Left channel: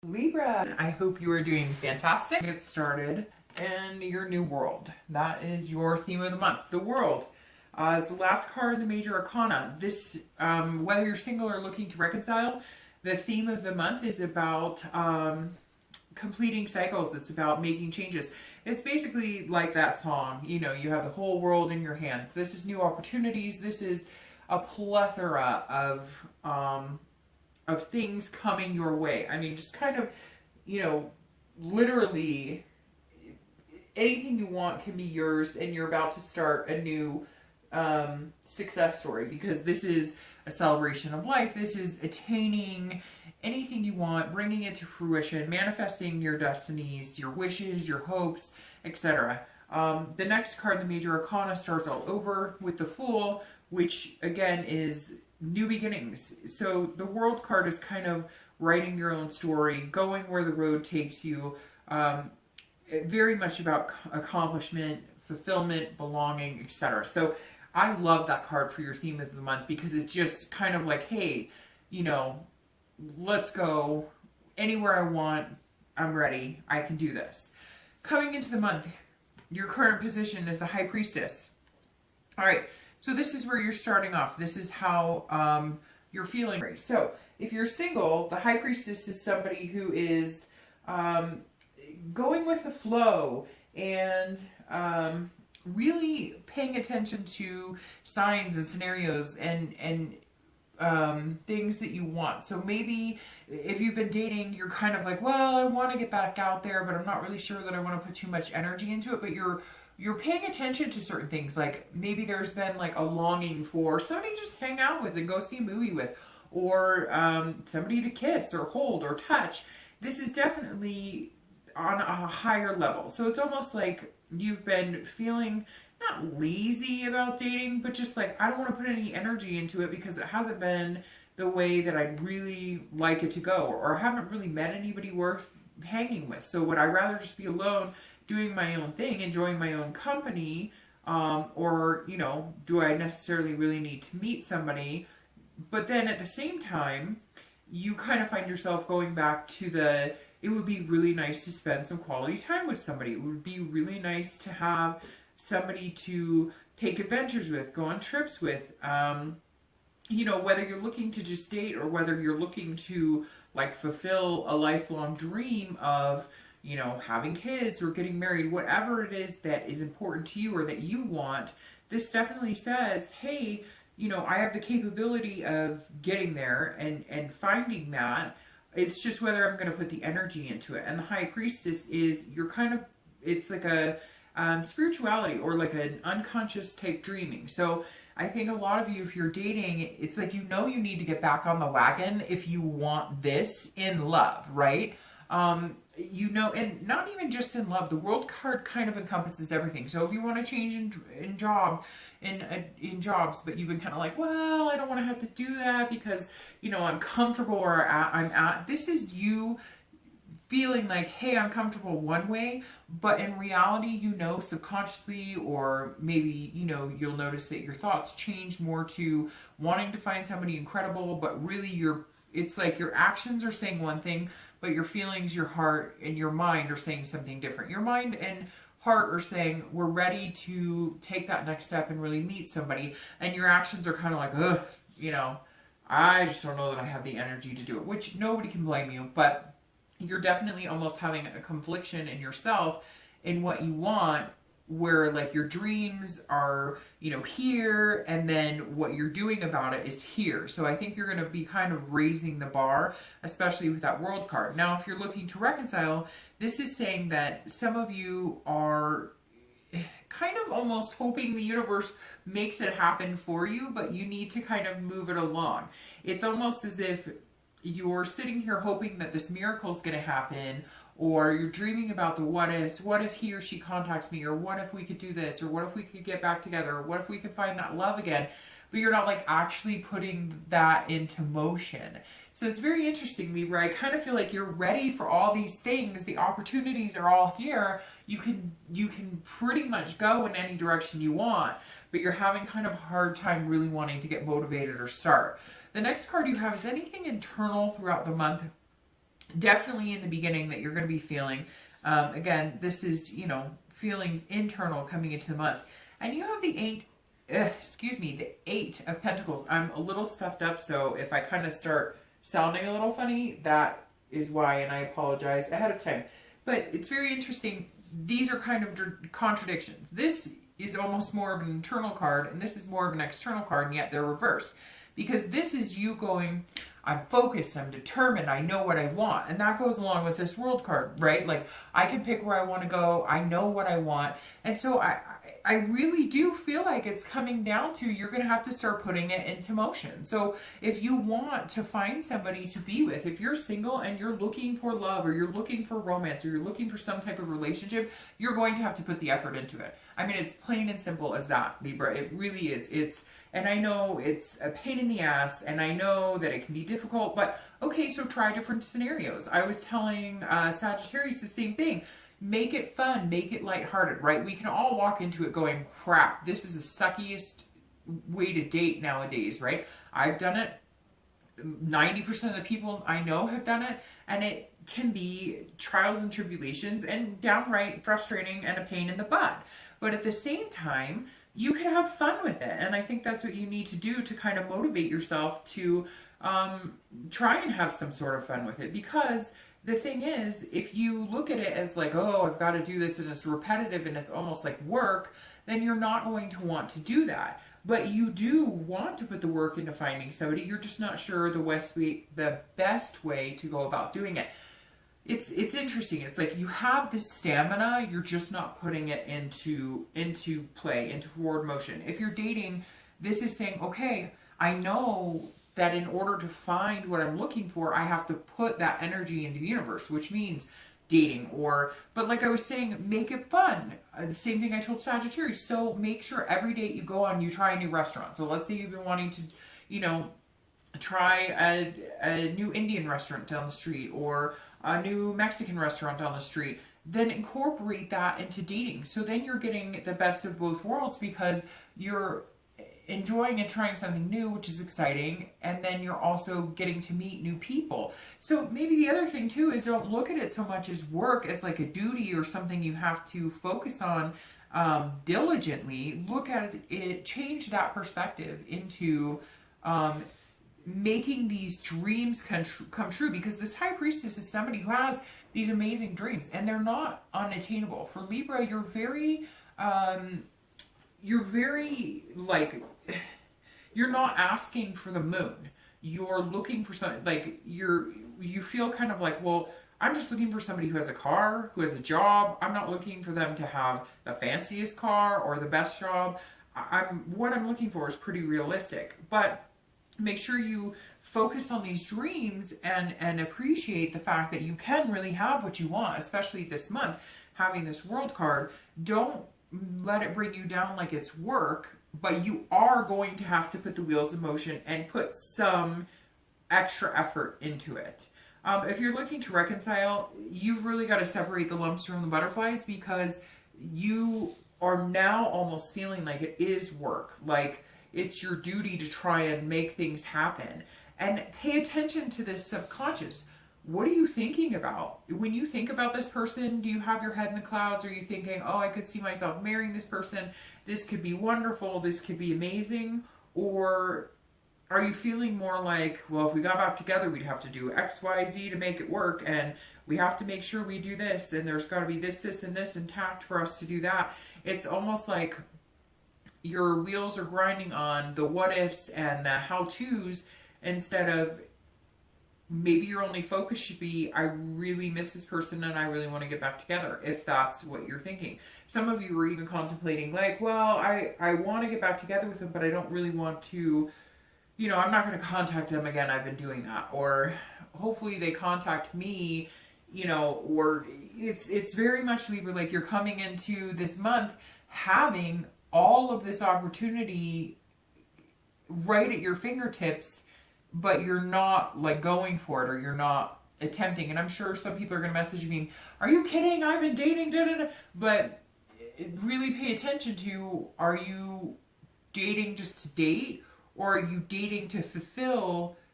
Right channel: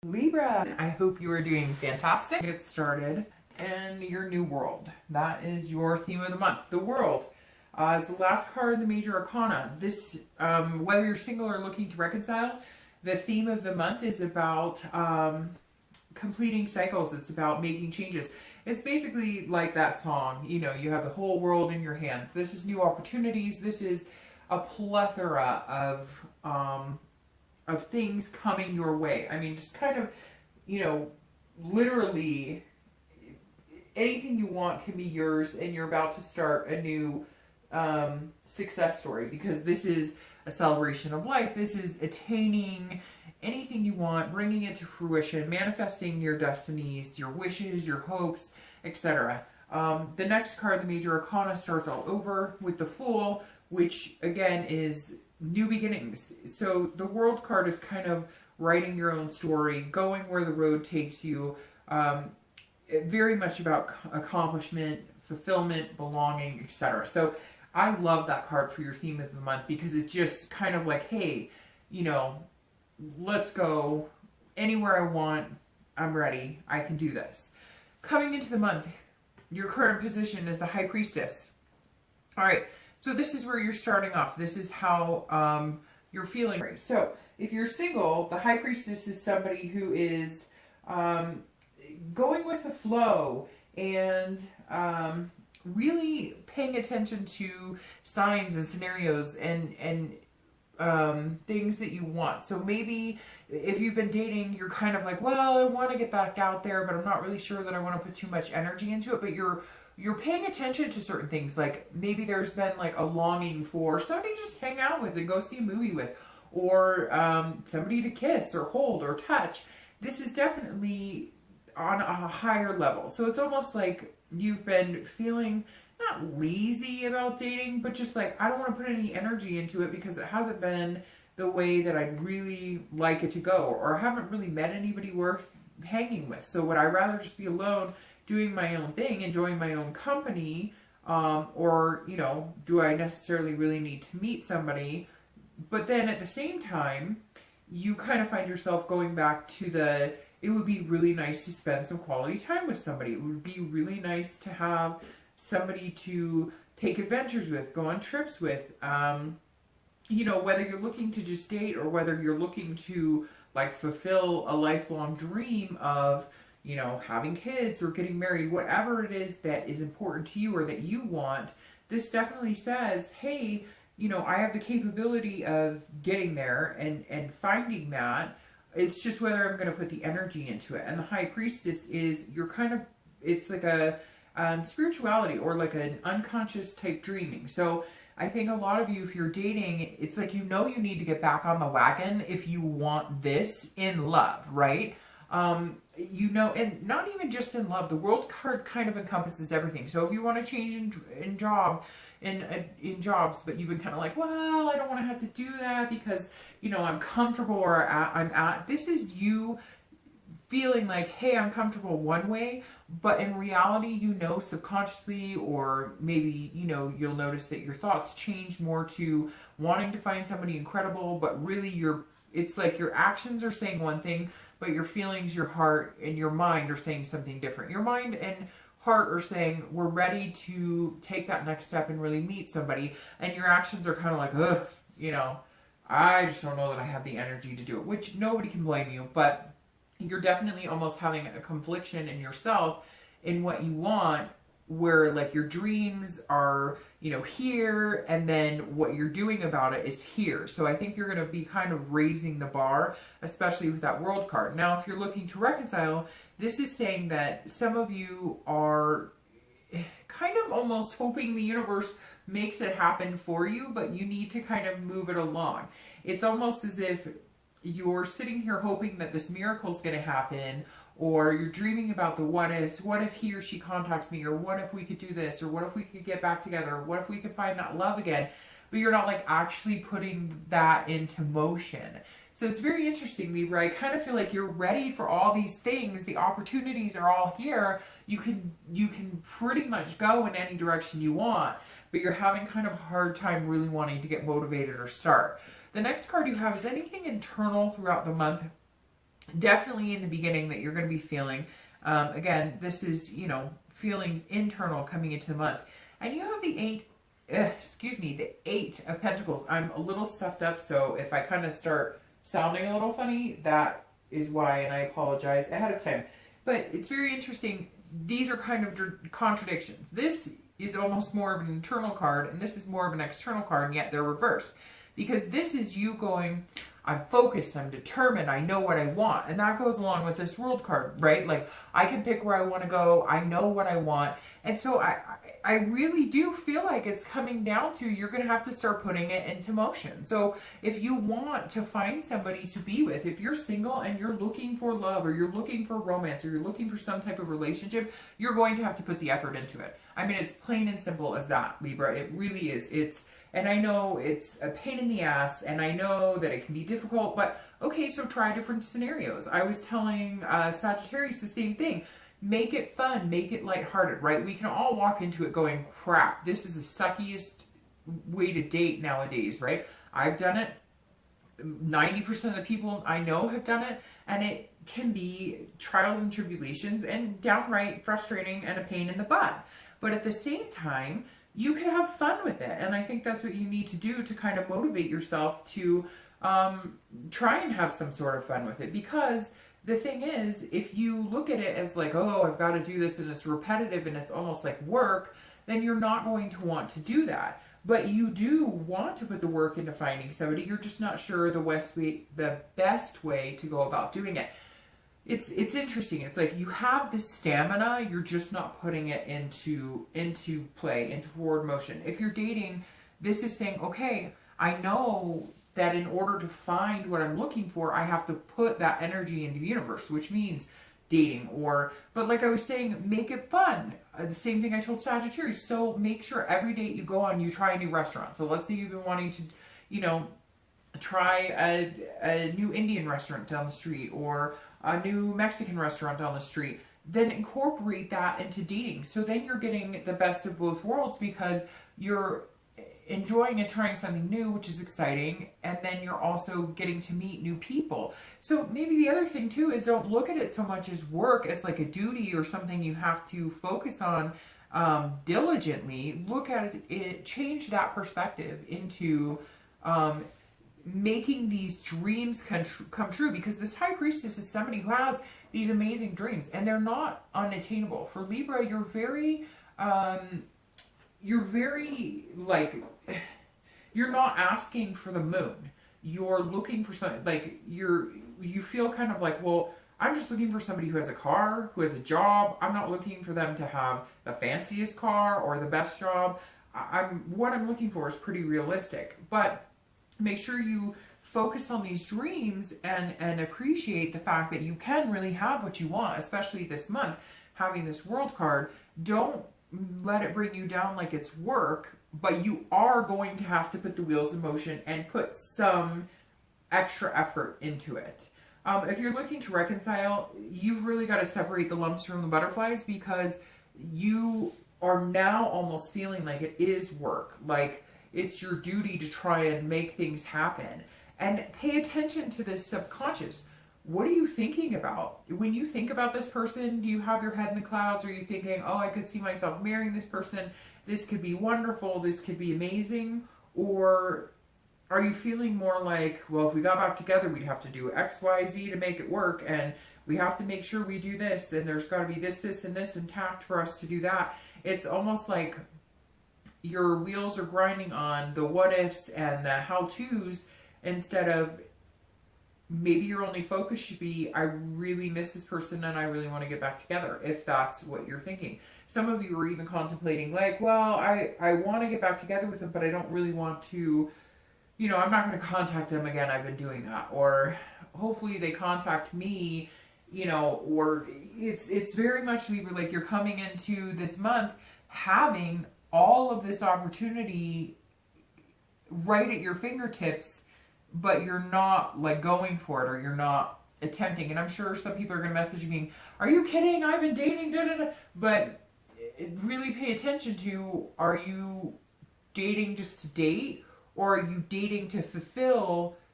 Libra, I hope you are doing fantastic. Get started in your new world. That is your theme of the month, the world. As the last card in the major arcana, this, whether you're single or looking to reconcile, the theme of the month is about completing cycles. It's about making changes. It's basically like that song, you know, you have the whole world in your hands. This is new opportunities. This is a plethora of things coming your way. I mean, just kind of, you know, literally anything you want can be yours, and you're about to start a new success story, because this is a celebration of life. This is attaining anything you want, bringing it to fruition, manifesting your destinies, your wishes, your hopes, etc. The next card, the major arcana, starts all over with the Fool, which again is new beginnings. So the World card is kind of writing your own story, going where the road takes you, very much about accomplishment, fulfillment, belonging, etc. So I love that card for your theme of the month, because it's just kind of like, hey, you know, let's go anywhere I want. I'm ready. I can do this. Coming into the month, your current position is the High Priestess. All right. So this is where you're starting off. This is how you're feeling. So if you're single, the High Priestess is somebody who is going with the flow and really paying attention to signs and scenarios and things that you want. So maybe if you've been dating, you're kind of like, well, I want to get back out there, but I'm not really sure that I want to put too much energy into it. But you're paying attention to certain things. Like maybe there's been like a longing for somebody to just hang out with and go see a movie with, or somebody to kiss or hold or touch. This is definitely on a higher level. So it's almost like you've been feeling not lazy about dating, but just like, I don't want to put any energy into it because it hasn't been the way that I'd really like it to go, or I haven't really met anybody worth hanging with. So would I rather just be alone, doing my own thing, enjoying my own company, or, you know, do I necessarily really need to meet somebody? But then at the same time, you kind of find yourself going back to it would be really nice to spend some quality time with somebody. It would be really nice to have somebody to take adventures with, go on trips with, you know, whether you're looking to just date or whether you're looking to like fulfill a lifelong dream of, you know, having kids or getting married, whatever it is that is important to you or that you want. This definitely says, hey, you know, I have the capability of getting there and finding that. It's just whether I'm going to put the energy into it. And the High Priestess is, you're kind of, it's like a spirituality or like an unconscious type dreaming. So I think a lot of you, if you're dating, it's like, you know, you need to get back on the wagon if you want this in love, right? You know, and not even just in love. The World card kind of encompasses everything. So if you want to change in jobs, but you've been kind of like, well, I don't want to have to do that because, you know, I'm comfortable or this is you feeling like, hey, I'm comfortable one way, but in reality, you know, subconsciously, or maybe, you know, you'll notice that your thoughts change more to wanting to find somebody incredible, but really it's like your actions are saying one thing, but your feelings, your heart, and your mind are saying something different. Your mind and heart are saying, we're ready to take that next step and really meet somebody, and your actions are kind of like, ugh, you know, I just don't know that I have the energy to do it, which nobody can blame you, but you're definitely almost having a confliction in yourself in what you want, where like your dreams are, you know, here, and then what you're doing about it is here. So I think you're going to be kind of raising the bar, especially with that World card. Now, if you're looking to reconcile, this is saying that some of you are kind of almost hoping the universe makes it happen for you, but you need to kind of move it along. It's almost as if you're sitting here hoping that this miracle is going to happen, or you're dreaming about the what ifs. What if he or she contacts me, or what if we could do this, or what if we could get back together, or what if we could find that love again? But you're not like actually putting that into motion. So it's very interesting, Libra. I kind of feel like you're ready for all these things. The opportunities are all here. You can pretty much go in any direction you want, but you're having kind of a hard time really wanting to get motivated or start. The next card you have is anything internal throughout the month definitely in the beginning that you're going to be feeling. Again, this is, you know, feelings internal coming into the month. And you have the the 8 of Pentacles. I'm a little stuffed up, so if I kind of start sounding a little funny, that is why, and I apologize ahead of time. But it's very interesting. These are kind of contradictions. This is almost more of an internal card, and this is more of an external card, and yet they're reversed. Because this is you going, I'm focused, I'm determined, I know what I want. And that goes along with this World card, right? Like, I can pick where I want to go, I know what I want. And so I really do feel like it's coming down to, you're going to have to start putting it into motion. So if you want to find somebody to be with, if you're single and you're looking for love, or you're looking for romance, or you're looking for some type of relationship, you're going to have to put the effort into it. I mean, it's plain and simple as that, Libra. It really is. And I know it's a pain in the ass, and I know that it can be difficult, but okay, so try different scenarios. I was telling Sagittarius the same thing. Make it fun, make it lighthearted, right? We can all walk into it going, crap, this is the suckiest way to date nowadays, right? I've done it. 90% of the people I know have done it, and it can be trials and tribulations and downright frustrating and a pain in the butt. But at the same time, you can have fun with it. And I think that's what you need to do to kind of motivate yourself to try and have some sort of fun with it. Because the thing is, if you look at it as like, oh, I've got to do this and it's repetitive and it's almost like work, then you're not going to want to do that. But you do want to put the work into finding somebody. You're just not sure the best way to go about doing it. It's interesting. It's like you have this stamina, you're just not putting it into play, into forward motion. If you're dating, this is saying, okay, I know that in order to find what I'm looking for, I have to put that energy into the universe, which means dating. But like I was saying, make it fun. The same thing I told Sagittarius. So make sure every date you go on, you try a new restaurant. So let's say you've been wanting to, you know, try a new Indian restaurant down the street, or a new Mexican restaurant down the street. Then incorporate that into dating. So then you're getting the best of both worlds, because you're enjoying and trying something new, which is exciting, and then you're also getting to meet new people. So maybe the other thing too is, don't look at it so much as work, as like a duty or something you have to focus on diligently. Look at it, change that perspective into making these dreams come true. Because this High Priestess is somebody who has these amazing dreams, and they're not unattainable. For Libra, you're very like, you're not asking for the moon. You're looking for something, like, you feel kind of like, well, I'm just looking for somebody who has a car, who has a job. I'm not looking for them to have the fanciest car or the best job. What I'm looking for is pretty realistic. But make sure you focus on these dreams and appreciate the fact that you can really have what you want, especially this month, having this World card. Don't let it bring you down like it's work, but you are going to have to put the wheels in motion and put some extra effort into it. If you're looking to reconcile, you've really got to separate the lumps from the butterflies, because you are now almost feeling like it is work, like it's your duty to try and make things happen. And pay attention to this subconscious. What are you thinking about? When you think about this person, do you have your head in the clouds? Are you thinking, oh, I could see myself marrying this person, this could be wonderful, this could be amazing? Or are you feeling more like, well, if we got back together, we'd have to do X, Y, Z to make it work, and we have to make sure we do this, and there's got to be this, and this intact for us to do that. It's almost like your wheels are grinding on the what ifs and the how-tos, instead of, maybe your only focus should be, I really miss this person and I really want to get back together, if that's what you're thinking. Some of you are even contemplating, like, well, I want to get back together with them, but I don't really want to, you know, I'm not going to contact them again. I've been doing that. Or hopefully they contact me, you know, or it's very much, Libra, like you're coming into this month having all of this opportunity right at your fingertips, but you're not like going for it, or you're not attempting. And I'm sure some people are going to message me, are you kidding? I've been dating, da, da, da. But really pay attention to, are you dating just to date, or are you dating to fulfill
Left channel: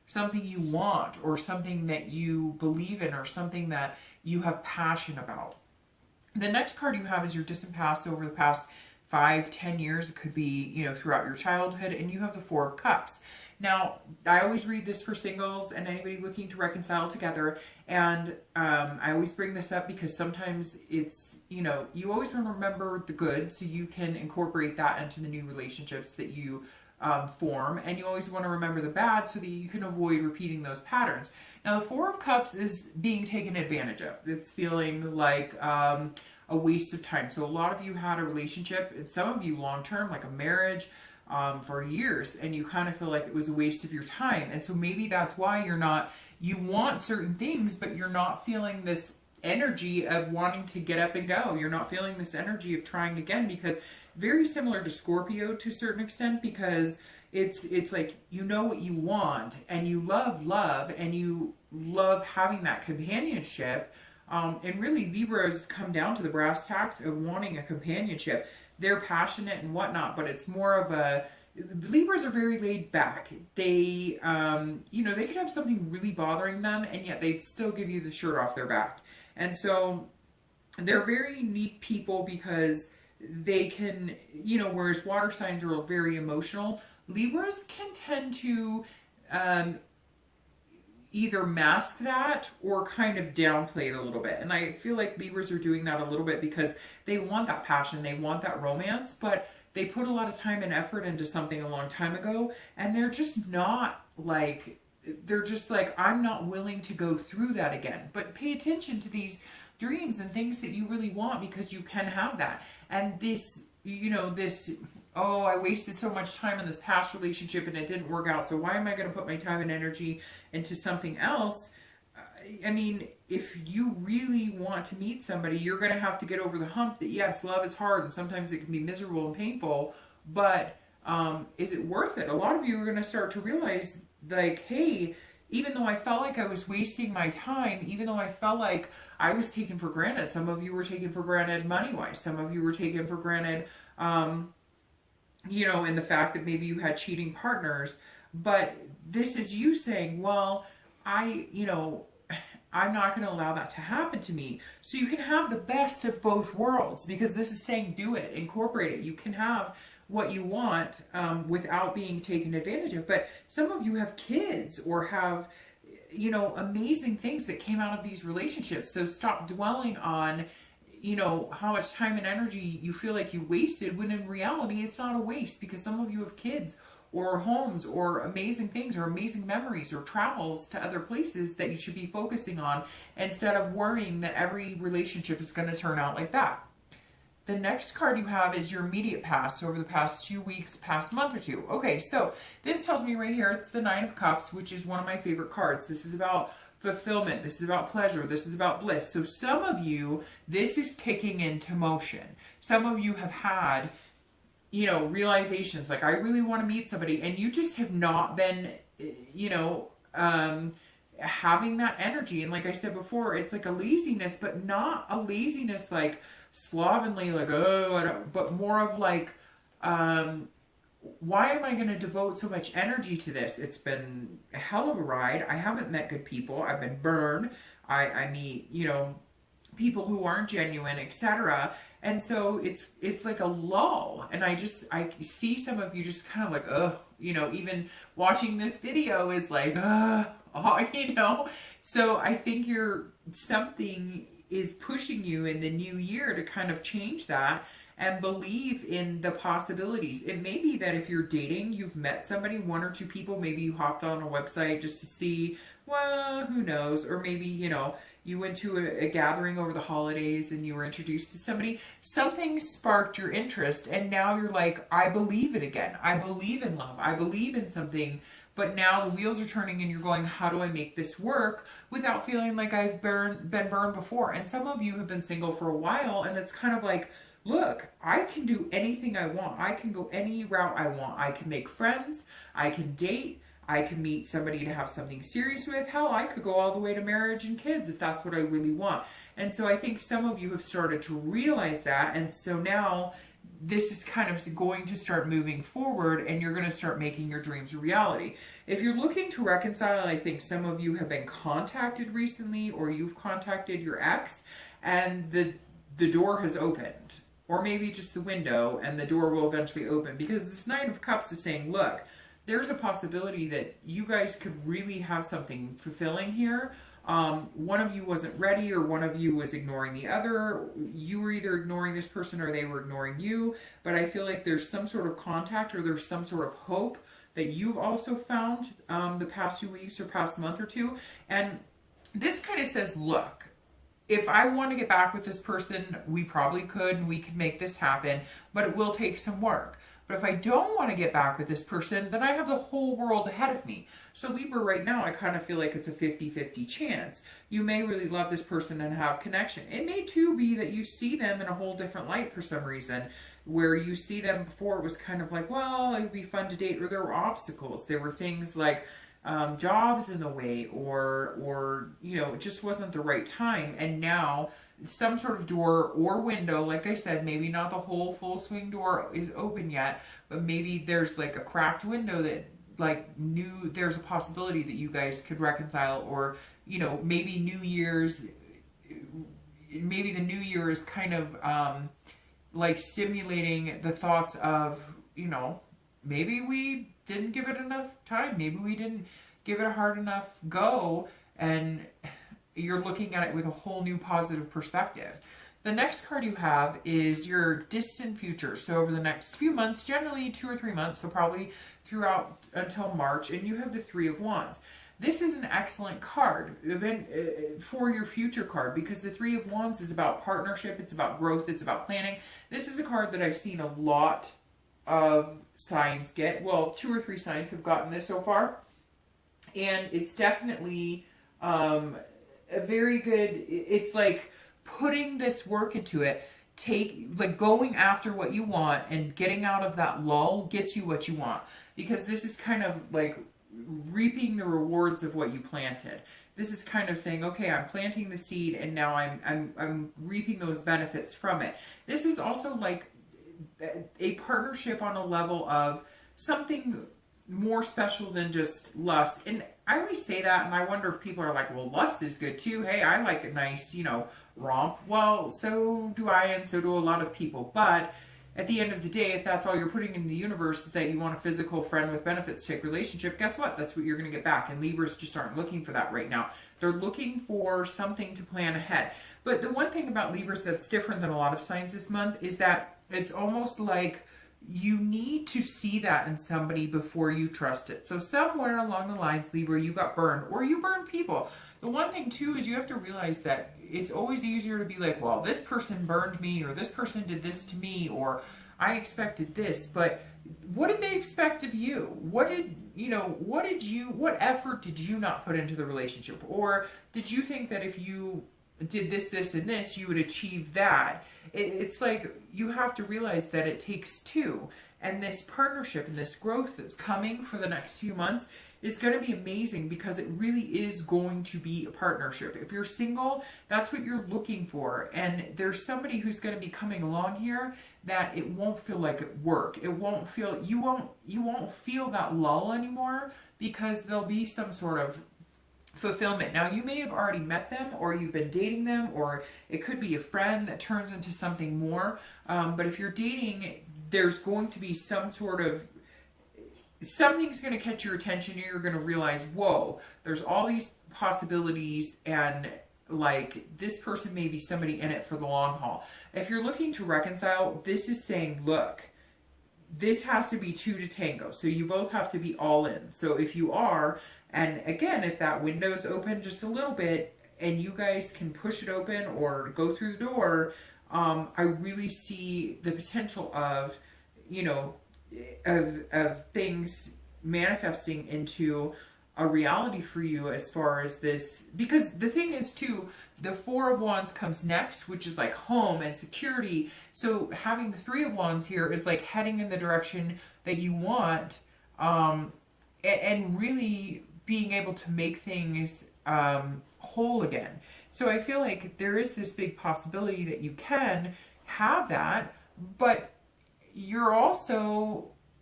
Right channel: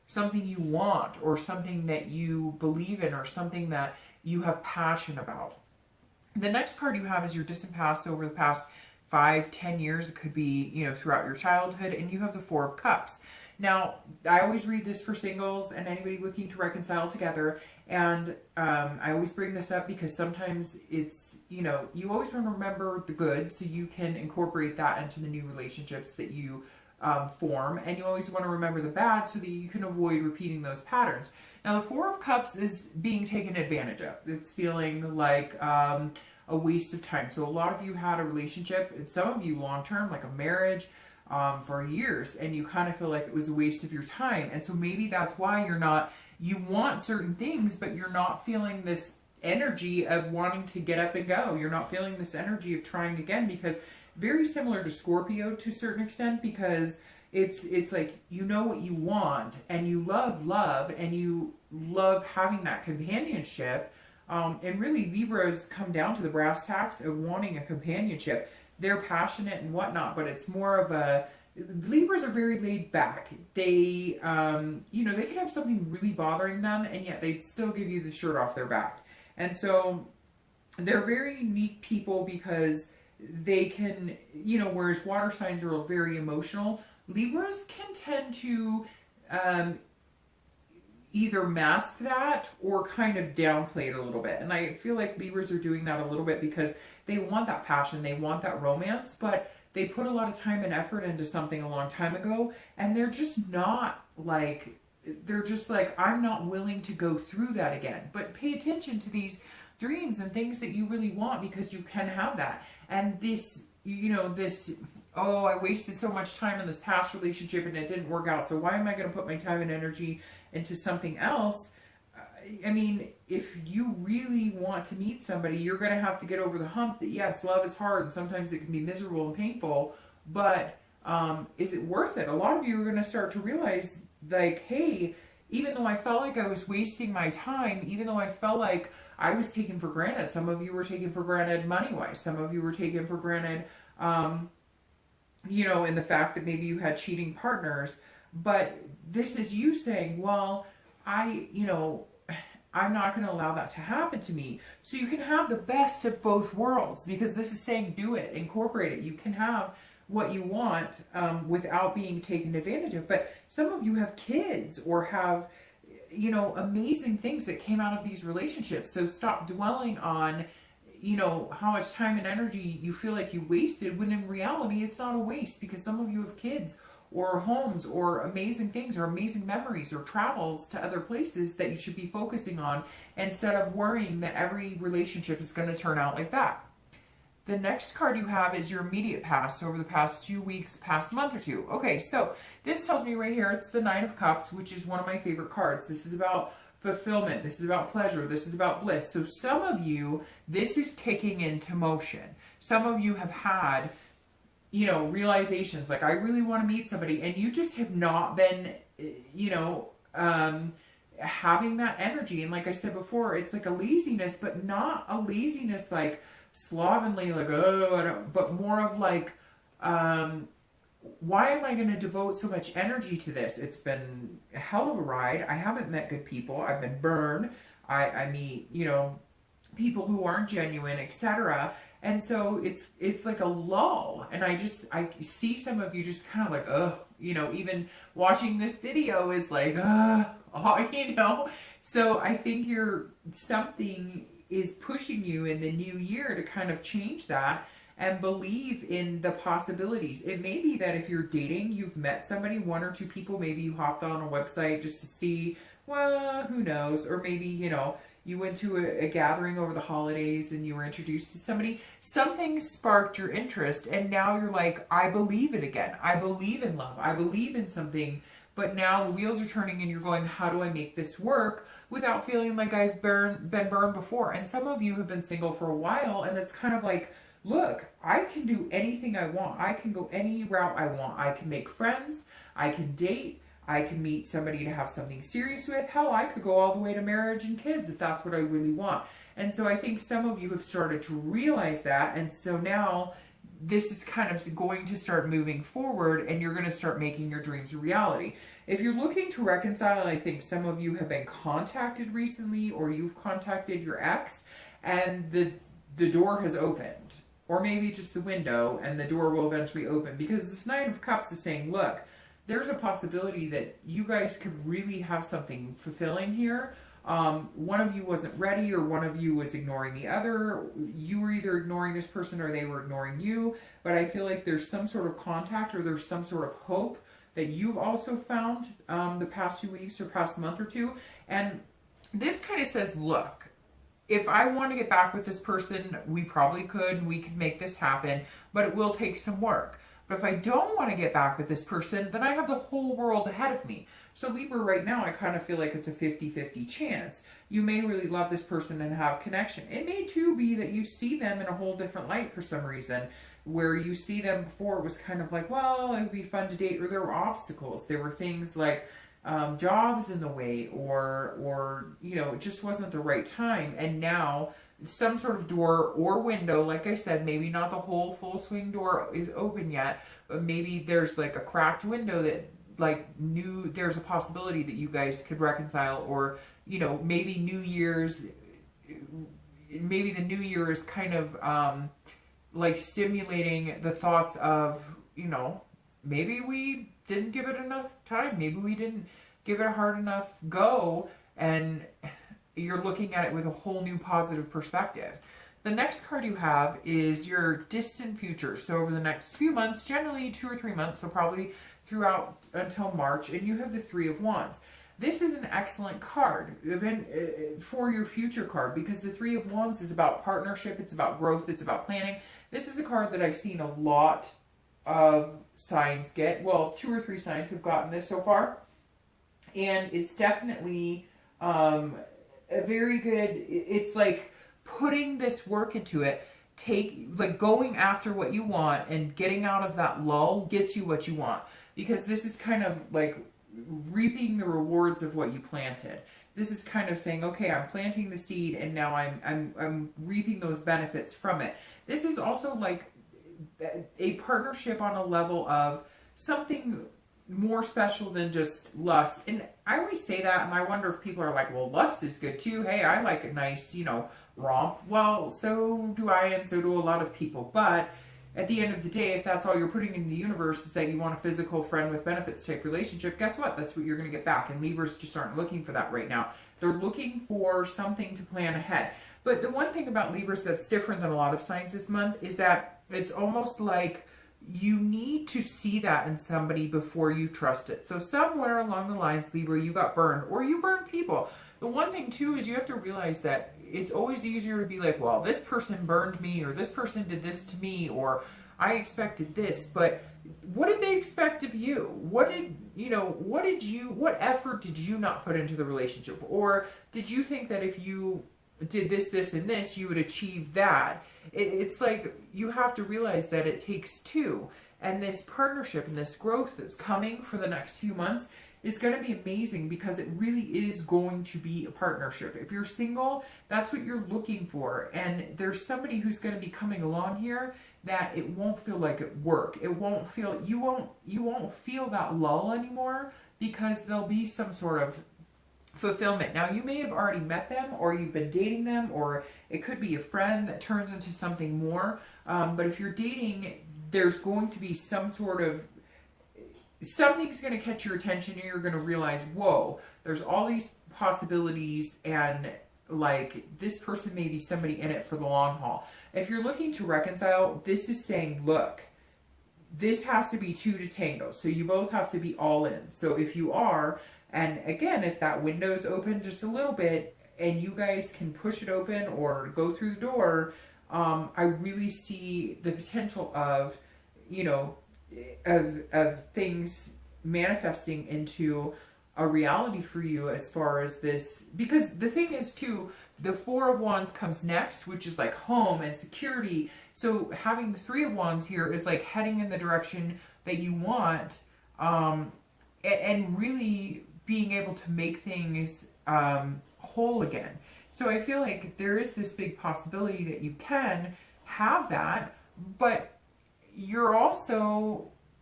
something you want, or something that you believe in, or something that you have passion about. The next card you have is your distant past over the past 5-10 years. It could be, you know, throughout your childhood, and you have the Four of Cups. Now, I always read this for singles and anybody looking to reconcile together, and I always bring this up because sometimes it's, you know, you always want to remember the good so you can incorporate that into the new relationships that you form, and you always want to remember the bad so that you can avoid repeating those patterns. Now, the Four of Cups is being taken advantage of. It's feeling like a waste of time. So a lot of you had a relationship, and some of you long-term, like a marriage, for years, and you kind of feel like it was a waste of your time. And so maybe that's why you want certain things, but you're not feeling this energy of wanting to get up and go. You're not feeling this energy of trying again, because very similar to Scorpio to a certain extent, because it's like, you know what you want, and you love, and you love having that companionship. And really, Libras come down to the brass tacks of wanting a companionship. They're passionate and whatnot, but it's more of a, Libras are very laid back. They, you know, they can have something really bothering them, and yet they'd still give you the shirt off their back. And so they're very unique people because they can, you know, whereas water signs are very emotional, Libras can tend to either mask that or kind of downplay it a little bit. And I feel like Libras are doing that a little bit because they want that passion, they want that romance, but they put a lot of time and effort into something a long time ago, and they're just not like, they're just like, I'm not willing to go through that again. But pay attention to these dreams and things that you really want, because you can have that. And this, you know, this, oh, I wasted so much time in this past relationship and it didn't work out, so why am I going to put my time and energy into something else? I mean, if you really want to meet somebody, you're going to have to get over the hump that, yes, love is hard and sometimes it can be miserable and painful, but is it worth it? A lot of you are going to start to realize, like, hey, even though I felt like I was wasting my time, even though I felt like I was taken for granted, some of you were taken for granted money-wise, some of you were taken for granted, you know, in the fact that maybe you had cheating partners, but this is you saying, well, you know, I'm not going to allow that to happen to me. So you can have the best of both worlds, because this is saying do it, incorporate it. You can have what you want without being taken advantage of. But some of you have kids or have, you know, amazing things that came out of these relationships. So stop dwelling on, you know, how much time and energy you feel like you wasted, when in reality it's not a waste, because some of you have kids or homes or amazing things or amazing memories or travels to other places that you should be focusing on, instead of worrying that every relationship is going to turn out like that. The next card you have is your immediate past, over the past few weeks, past month or two. Okay, so this tells me right here, it's the Knight of Cups, which is one of my favorite cards. This is about fulfillment. This is about pleasure. This is about bliss. So some of you, this is kicking into motion. Some of you have had, you know, realizations like, I really want to meet somebody, and you just have not been, you know, having that energy. And like I said before, it's like a laziness, but not a laziness like slovenly, like, oh, I don't, but more of like, why am I going to devote so much energy to this? It's been a hell of a ride. I haven't met good people. I've been burned. I meet, you know, people who aren't genuine, etc. And so it's like a lull. And I see some of you just kind of like, ugh, you know, even watching this video is like, oh, you know. So I think something is pushing you in the new year to kind of change that and believe in the possibilities. It may be that if you're dating, you've met somebody, one or two people, maybe you hopped on a website just to see, well, who knows, or maybe, you know, you went to a gathering over the holidays and you were introduced to somebody, something sparked your interest, and now you're like, I believe it again. I believe in love. I believe in something. But now the wheels are turning and you're going, how do I make this work without feeling like I've been burned before? And some of you have been single for a while, and it's kind of like, look, I can do anything I want. I can go any route I want. I can make friends. I can date. I can meet somebody to have something serious with. Hell, I could go all the way to marriage and kids if that's what I really want. And so I think some of you have started to realize that. And so now this is kind of going to start moving forward, and you're going to start making your dreams a reality. If you're looking to reconcile, I think some of you have been contacted recently, or you've contacted your ex and the door has opened, or maybe just the window, and the door will eventually open, because this Nine of Cups is saying, look, there's a possibility that you guys could really have something fulfilling here. One of you wasn't ready, or one of you was ignoring the other. You were either ignoring this person or they were ignoring you. But I feel like there's some sort of contact, or there's some sort of hope that you've also found the past few weeks or past month or two. And this kind of says, look, if I want to get back with this person, we probably could. We could make this happen, but it will take some work. But if I don't want to get back with this person, then I have the whole world ahead of me. So Libra, right now, I kind of feel like it's a 50-50 chance. You may really love this person and have connection. It may too be that you see them in a whole different light for some reason, where you see them before it was kind of like, well, it would be fun to date, or there were obstacles. There were things like jobs in the way, or you know, it just wasn't the right time. And now some sort of door or window, like I said, maybe not the whole full swing door is open yet, but maybe there's like a cracked window that there's a possibility that you guys could reconcile. Or, you know, maybe maybe the new year is kind of like stimulating the thoughts of, you know, maybe we didn't give it enough time, maybe we didn't give it a hard enough go, and you're looking at it with a whole new positive perspective. The next card you have is your distant future. So over the next few months, generally 2 or 3 months, so probably throughout until March, and you have the Three of Wands. This is an excellent card for your future card, because the Three of Wands is about partnership, it's about growth, it's about planning. This is a card that I've seen a lot of signs get. Well, 2 or 3 signs have gotten this so far, and it's definitely a very good, it's like putting this work into it, going after what you want and getting out of that lull gets you what you want, because this is kind of like reaping the rewards of what you planted. This is kind of saying, okay, I'm planting the seed and now I'm reaping those benefits from it. This is also like a partnership on a level of something more special than just lust. And I always say that, and I wonder if people are like, well, lust is good too. Hey, I like a nice, you know, romp. Well, so do I, and so do a lot of people. But at the end of the day, if that's all you're putting into the universe is that you want a physical friend with benefits type relationship, guess what? That's what you're going to get back. And Libras just aren't looking for that right now. They're looking for something to plan ahead. But the one thing about Libras that's different than a lot of signs this month is that it's almost like you need to see that in somebody before you trust it. So somewhere along the lines, Libra, you got burned, or you burned people. The one thing too is you have to realize that it's always easier to be like, well, this person burned me, or this person did this to me, or I expected this, but what did they expect of you? What effort did you not put into the relationship? Or did you think that if you did this, this, and this, you would achieve that? It's like you have to realize that it takes two. And this partnership and this growth that's coming for the next few months is going to be amazing, because it really is going to be a partnership. If you're single, that's what you're looking for. And there's somebody who's going to be coming along here that it won't feel like it work. It won't feel, you won't feel that lull anymore, because there'll be some sort of fulfillment. Now, you may have already met them, or you've been dating them, or it could be a friend that turns into something more. But if you're dating, there's going to be some sort of, something's going to catch your attention, and you're going to realize, whoa, there's all these possibilities, and like this person may be somebody in it for the long haul. If you're looking to reconcile, this is saying, look, this has to be two to tango. So you both have to be all in. So if you are, and again, if that window's open just a little bit and you guys can push it open or go through the door, I really see the potential of, you know, of things manifesting into a reality for you as far as this. Because the thing is too, the Four of Wands comes next, which is like home and security. So having the Three of Wands here is like heading in the direction that you want, and really being able to make things whole again. So I feel like there is this big possibility that you can have that, but you're also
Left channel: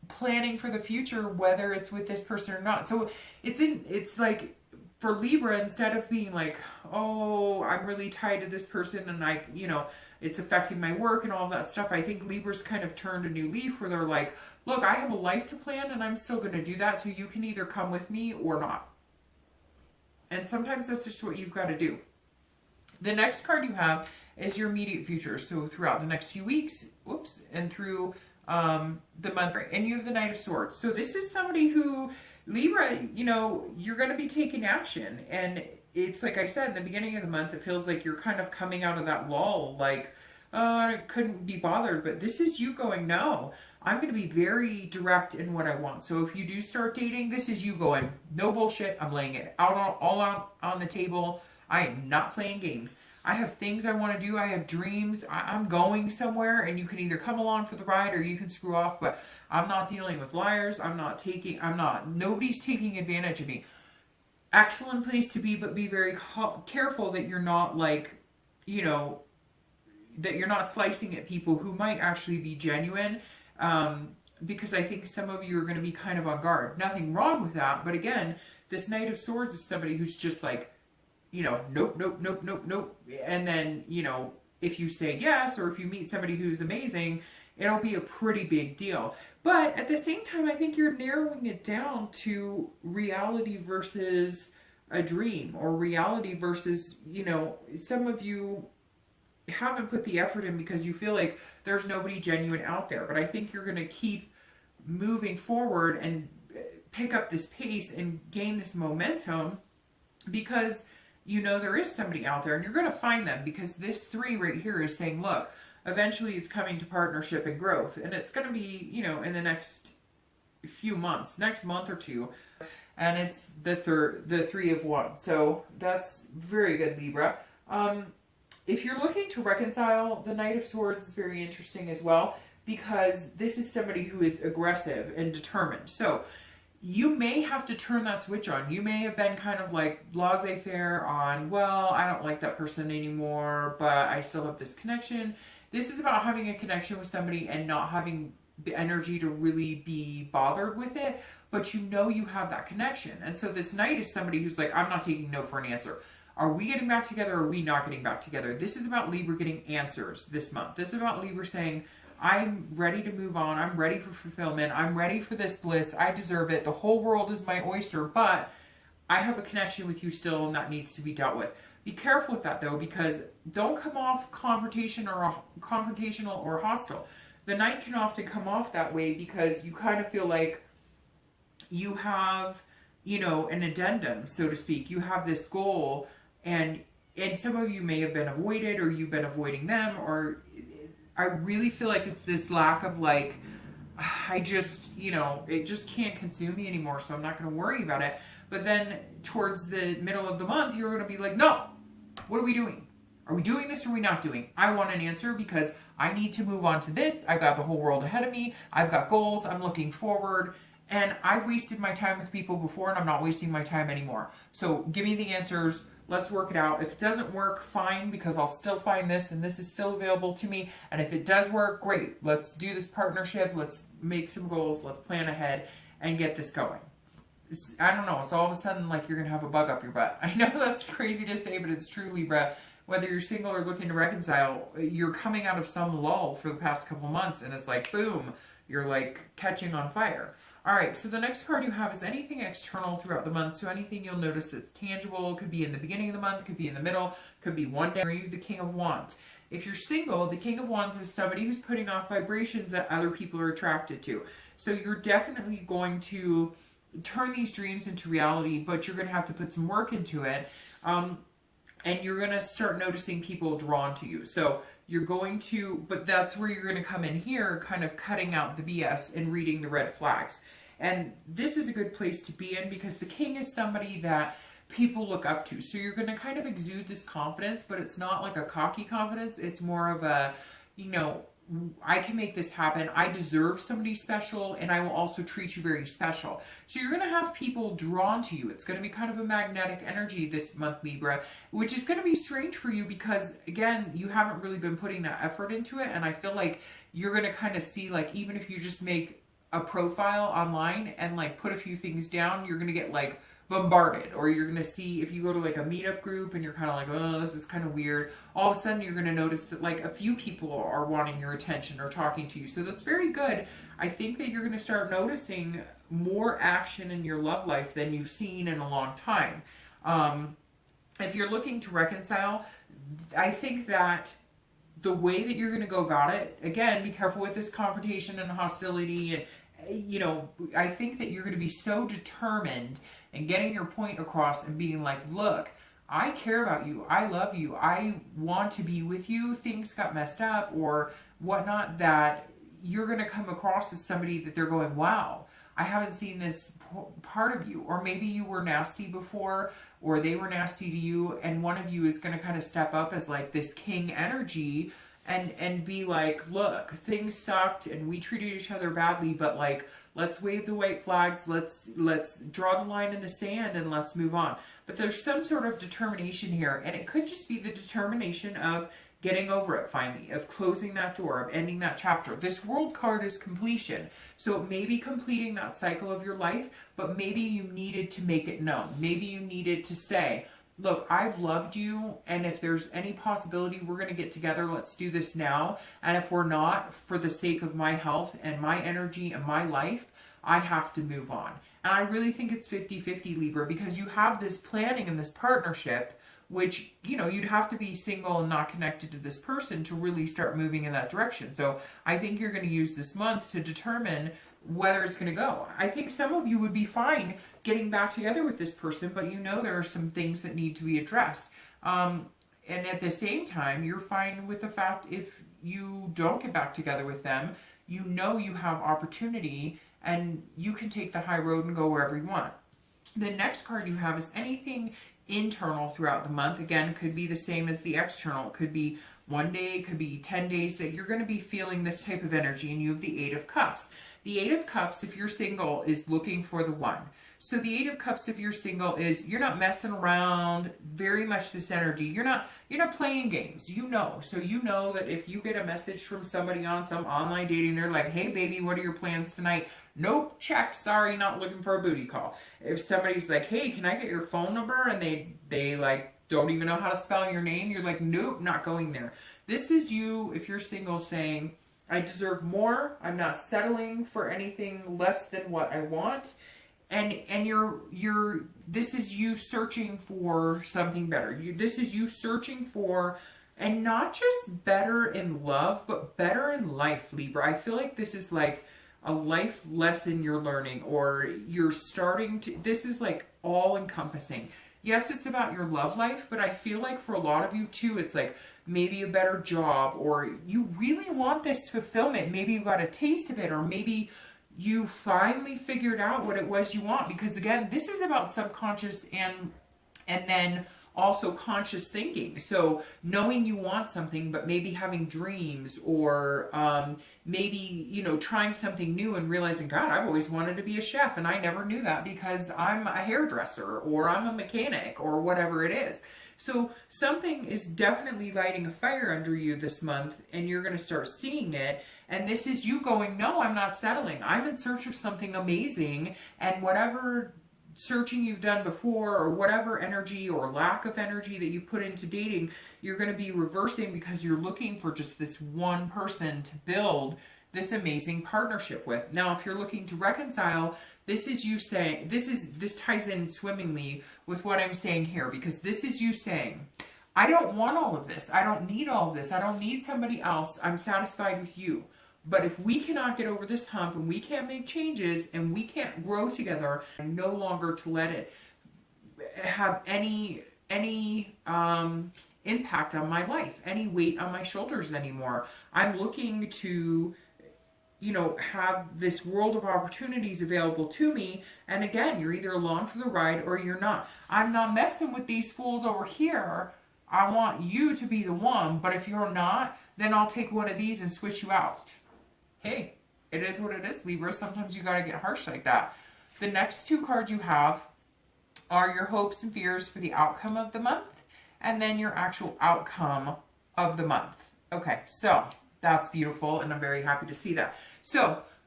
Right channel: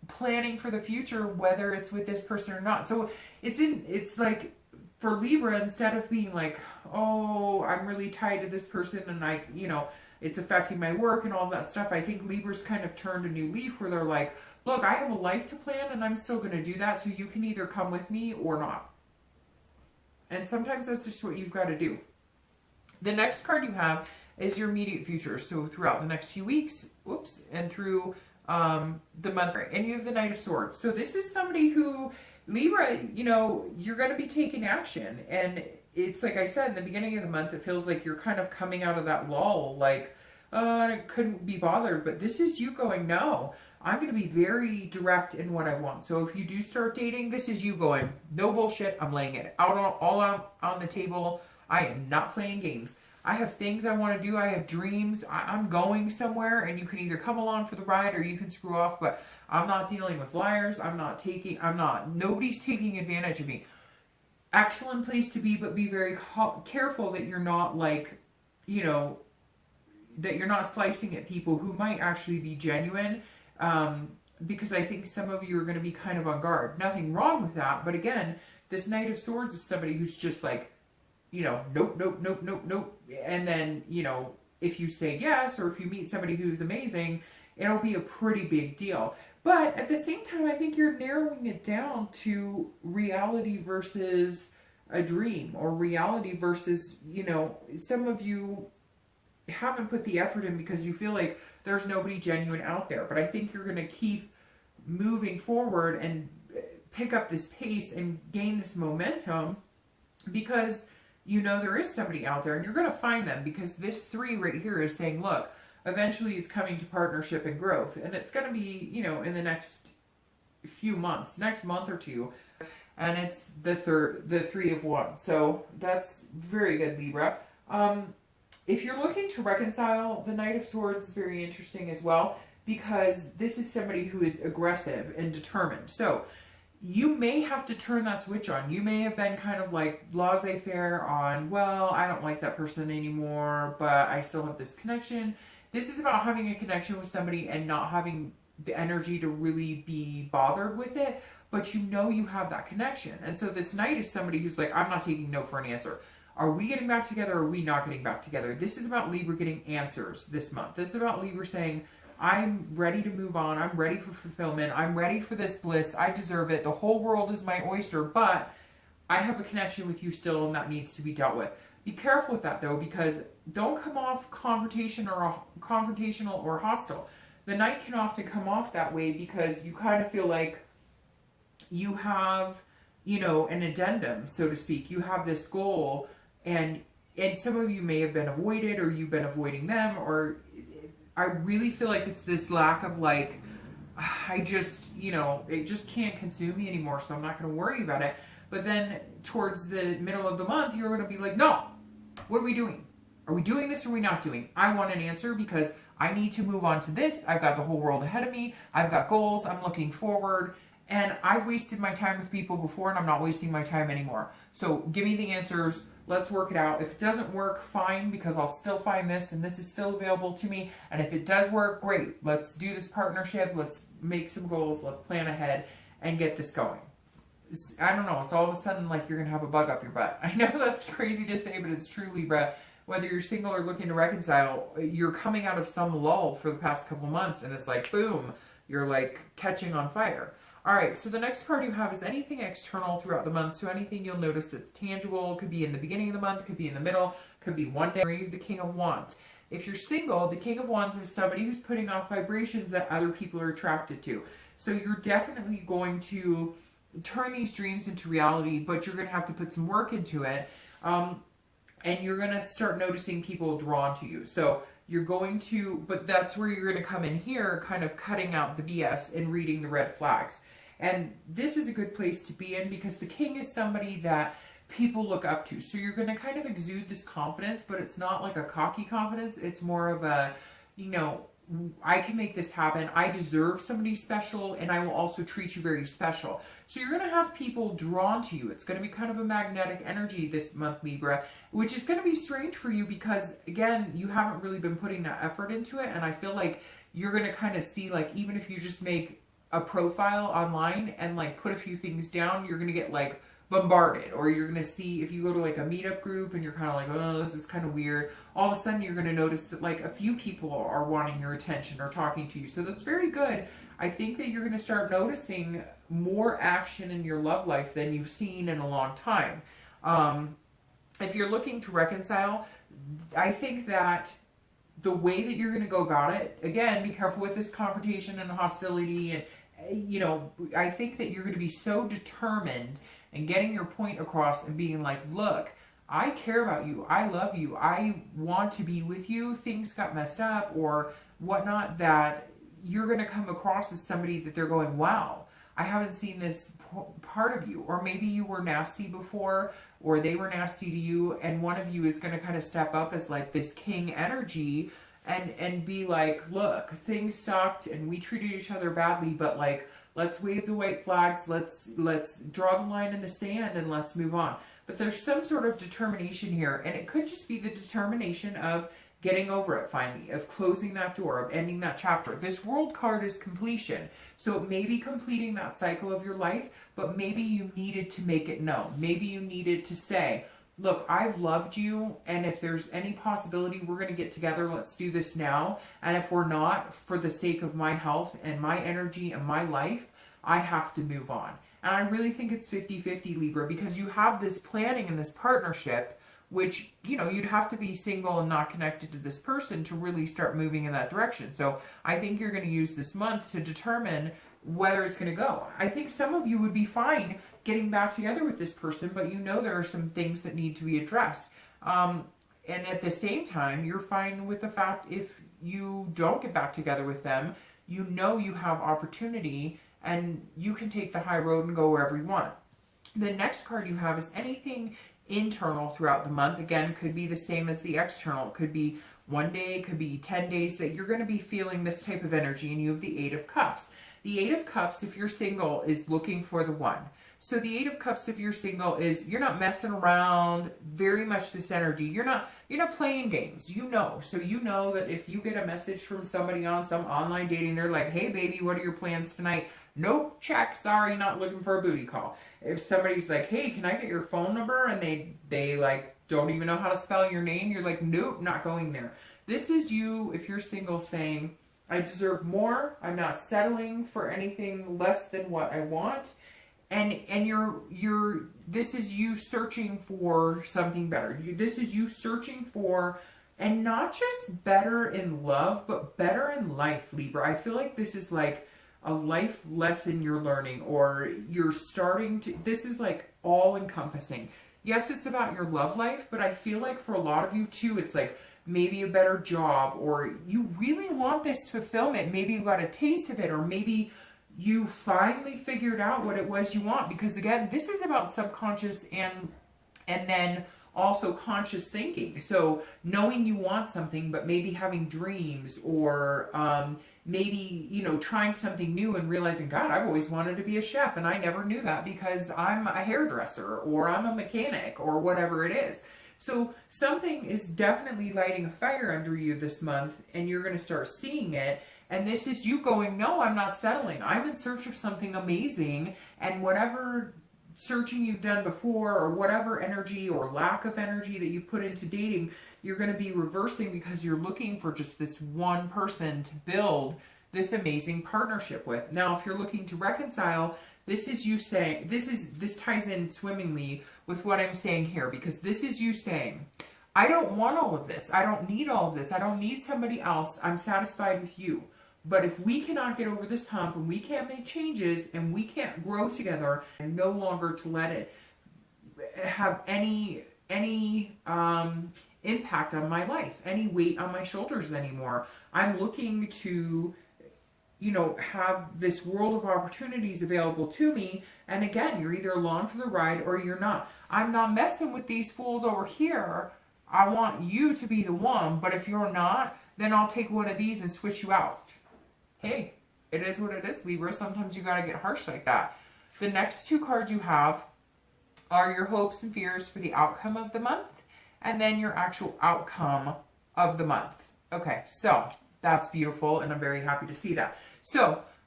planning for the future, whether it's with this person or not. So it's like for Libra, instead of being like, oh, I'm really tied to this person and I, you know, it's affecting my work and all that stuff. I think Libra's kind of turned a new leaf where they're like, look, I have a life to plan and I'm still going to do that. So you can either come with me or not. And sometimes that's just what you've got to do. The next card you have is your immediate future. So throughout the next few weeks, and through the month, and you have the Knight of Swords. So this is somebody who, Libra, you know, you're going to be taking action. And it's like I said, the beginning of the month, it feels like you're kind of coming out of that lull, like, I couldn't be bothered. But this is you going, no, I'm going to be very direct in what I want. So if you do start dating, this is you going, no bullshit. I'm laying it out all out on the table. I am not playing games. I have things I want to do. I have dreams. I'm going somewhere, and you can either come along for the ride or you can screw off. But I'm not dealing with liars. Nobody's taking advantage of me. Excellent place to be, but be very careful that you're not like, you know, that you're not slicing at people who might actually be genuine. Because I think some of you are going to be kind of on guard. Nothing wrong with that. But again, this Knight of Swords is somebody who's just like, you know, nope, nope, nope, nope, nope. And then, you know, if you say yes, or if you meet somebody who's amazing, it'll be a pretty big deal. But at the same time, I think you're narrowing it down to reality versus a dream, or reality versus, you know, some of you haven't put the effort in because you feel like there's nobody genuine out there. But I think you're going to keep moving forward and pick up this pace and gain this momentum because you know there is somebody out there, and you're going to find them, because this 3 right here is saying, look, eventually it's coming to partnership and growth, and it's going to be, you know, in the next few months, next month or two, and it's the 3 of Wands. So that's very good, Libra. If you're looking to reconcile, the Knight of Swords is very interesting as well, because this is somebody who is aggressive and determined. So you may have to turn that switch on. You may have been kind of like laissez-faire on, well, I don't like that person anymore, but I still have this connection. This is about having a connection with somebody and not having the energy to really be bothered with it, but you know you have that connection. And so this Knight is somebody who's like, I'm not taking no for an answer. Are we getting back together, or are we not getting back together? This is about Libra getting answers this month. This is about Libra saying, I'm ready to move on. I'm ready for fulfillment. I'm ready for this bliss. I deserve it. The whole world is my oyster, but I have a connection with you still, and that needs to be dealt with. Be careful with that, though, because don't come off confrontational or hostile. The Knight can often come off that way because you kind of feel like you have, you know, an addendum, so to speak. You have this goal, and some of you may have been avoided, or you've been avoiding them, or I really feel like it's this lack of like, I just, you know, it just can't consume me anymore, so I'm not going to worry about it. But then towards the middle of the month, you're going to be like, no, what are we doing? Are we doing this or are we not doing? I want an answer because I need to move on to this. I've got the whole world ahead of me. I've got goals. I'm looking forward. And I've wasted my time with people before, and I'm not wasting my time anymore. So give me the answers. Let's work it out. If it doesn't work, fine, because I'll still find this, and this is still available to me. And if it does work, great. Let's do this partnership. Let's make some goals. Let's plan ahead and get this going. I don't know. It's all of a sudden like you're going to have a bug up your butt. I know that's crazy to say, but it's true, Libra. Whether you're single or looking to reconcile, you're coming out of some lull for the past couple months, and it's like, boom, you're like catching on fire. All right, so the next card you have is anything external throughout the month. So anything you'll notice that's tangible. Could be in the beginning of the month, could be in the middle, could be one day. Or you have the King of Wands. If you're single, the King of Wands is somebody who's putting off vibrations that other people are attracted to. So you're definitely going to turn these dreams into reality, but you're going to have to put some work into it. And you're going to start noticing people drawn to you. So you're going to, but that's where you're going to come in here, kind of cutting out the BS and reading the red flags. And this is a good place to be in because the king is somebody that people look up to. So you're going to kind of exude this confidence, but it's not like a cocky confidence. It's more of a, you know, I can make this happen. I deserve somebody special, and I will also treat you very special. So you're going to have people drawn to you. It's going to be kind of a magnetic energy this month, Libra, which is going to be strange for you because, again, you haven't really been putting that effort into it. And I feel like you're going to kind of see, like, even if you just make a profile online and like put a few things down, you're going to get like bombarded, or you're going to see, if you go to like a meetup group and you're kind of like, oh, this is kind of weird, all of a sudden you're going to notice that like a few people are wanting your attention or talking to you. So that's very good. I think that you're going to start noticing more action in your love life than you've seen in a long time. If you're looking to reconcile, I think that the way that you're going to go about it, again, be careful with this confrontation and hostility, and you know, I think that you're going to be so determined in getting your point across and being like, look, I care about you, I love you, I want to be with you, things got messed up or whatnot, that you're going to come across as somebody that they're going, wow, I haven't seen this part of you. Or maybe you were nasty before, or they were nasty to you, and one of you is going to kind of step up as like this king energy and be like, look, things sucked and we treated each other badly, but like, let's wave the white flags, let's draw the line in the sand and let's move on. But there's some sort of determination here, and it could just be the determination of getting over it finally, of closing that door, of ending that chapter. This World card is completion. So it may be completing that cycle of your life, but maybe you needed to make it known. Maybe you needed to say, look, I've loved you, and if there's any possibility we're going to get together, let's do this now. And if we're not, for the sake of my health and my energy and my life, I have to move on. And I really think it's 50-50, Libra, because you have this planning and this partnership, which, you know, you'd have to be single and not connected to this person to really start moving in that direction. So I think you're going to use this month to determine whether it's going to go. I think some of you would be fine getting back together with this person, but you know there are some things that need to be addressed. And at the same time, you're fine with the fact if you don't get back together with them, you know you have opportunity and you can take the high road and go wherever you want. The next card you have is anything internal throughout the month. Again, could be the same as the external. It could be one day, it could be 10 days that you're going to be feeling this type of energy, and you have the Eight of Cups. The Eight of Cups, if you're single, is looking for the one. So the Eight of Cups, if you're single, is you're not messing around, very much this energy. You're not playing games, you know. So you know that if you get a message from somebody on some online dating, they're like, hey baby, what are your plans tonight? Nope, check, sorry, not looking for a booty call. If somebody's like, hey, can I get your phone number? And they like don't even know how to spell your name, you're like, nope, not going there. This is you, if you're single, saying, I deserve more, I'm not settling for anything less than what I want. And this is you searching for something better. This is you searching for, and not just better in love, but better in life, Libra. I feel like this is like a life lesson you're learning, or you're starting to, this is like all encompassing. Yes, it's about your love life, but I feel like for a lot of you too, it's like maybe a better job, or you really want this fulfillment. Maybe you got a taste of it, or maybe you finally figured out what it was you want. Because again, this is about subconscious and then also conscious thinking. So knowing you want something, but maybe having dreams, or maybe, you know, trying something new and realizing, God, I've always wanted to be a chef and I never knew that because I'm a hairdresser or I'm a mechanic or whatever it is. So something is definitely lighting a fire under you this month, and you're going to start seeing it. And this is you going, no, I'm not settling. I'm in search of something amazing, and whatever searching you've done before, or whatever energy or lack of energy that you put into dating, you're going to be reversing, because you're looking for just this one person to build this amazing partnership with. Now, if you're looking to reconcile, this is you saying, this ties in swimmingly with what I'm saying here, because this is you saying, I don't want all of this. I don't need all of this. I don't need somebody else. I'm satisfied with you. But if we cannot get over this hump, and we can't make changes, and we can't grow together, and no longer to let it have any impact on my life, any weight on my shoulders anymore, I'm looking to, you know, have this world of opportunities available to me. And again, you're either along for the ride or you're not. I'm not messing with these fools over here. I want you to be the one, but if you're not, then I'll take one of these and switch you out. Hey, it is what it is, Libra. Sometimes you got to get harsh like that. The next two cards you have are your hopes and fears for the outcome of the month, and then your actual outcome of the month. Okay, so that's beautiful, and I'm very happy to see that. So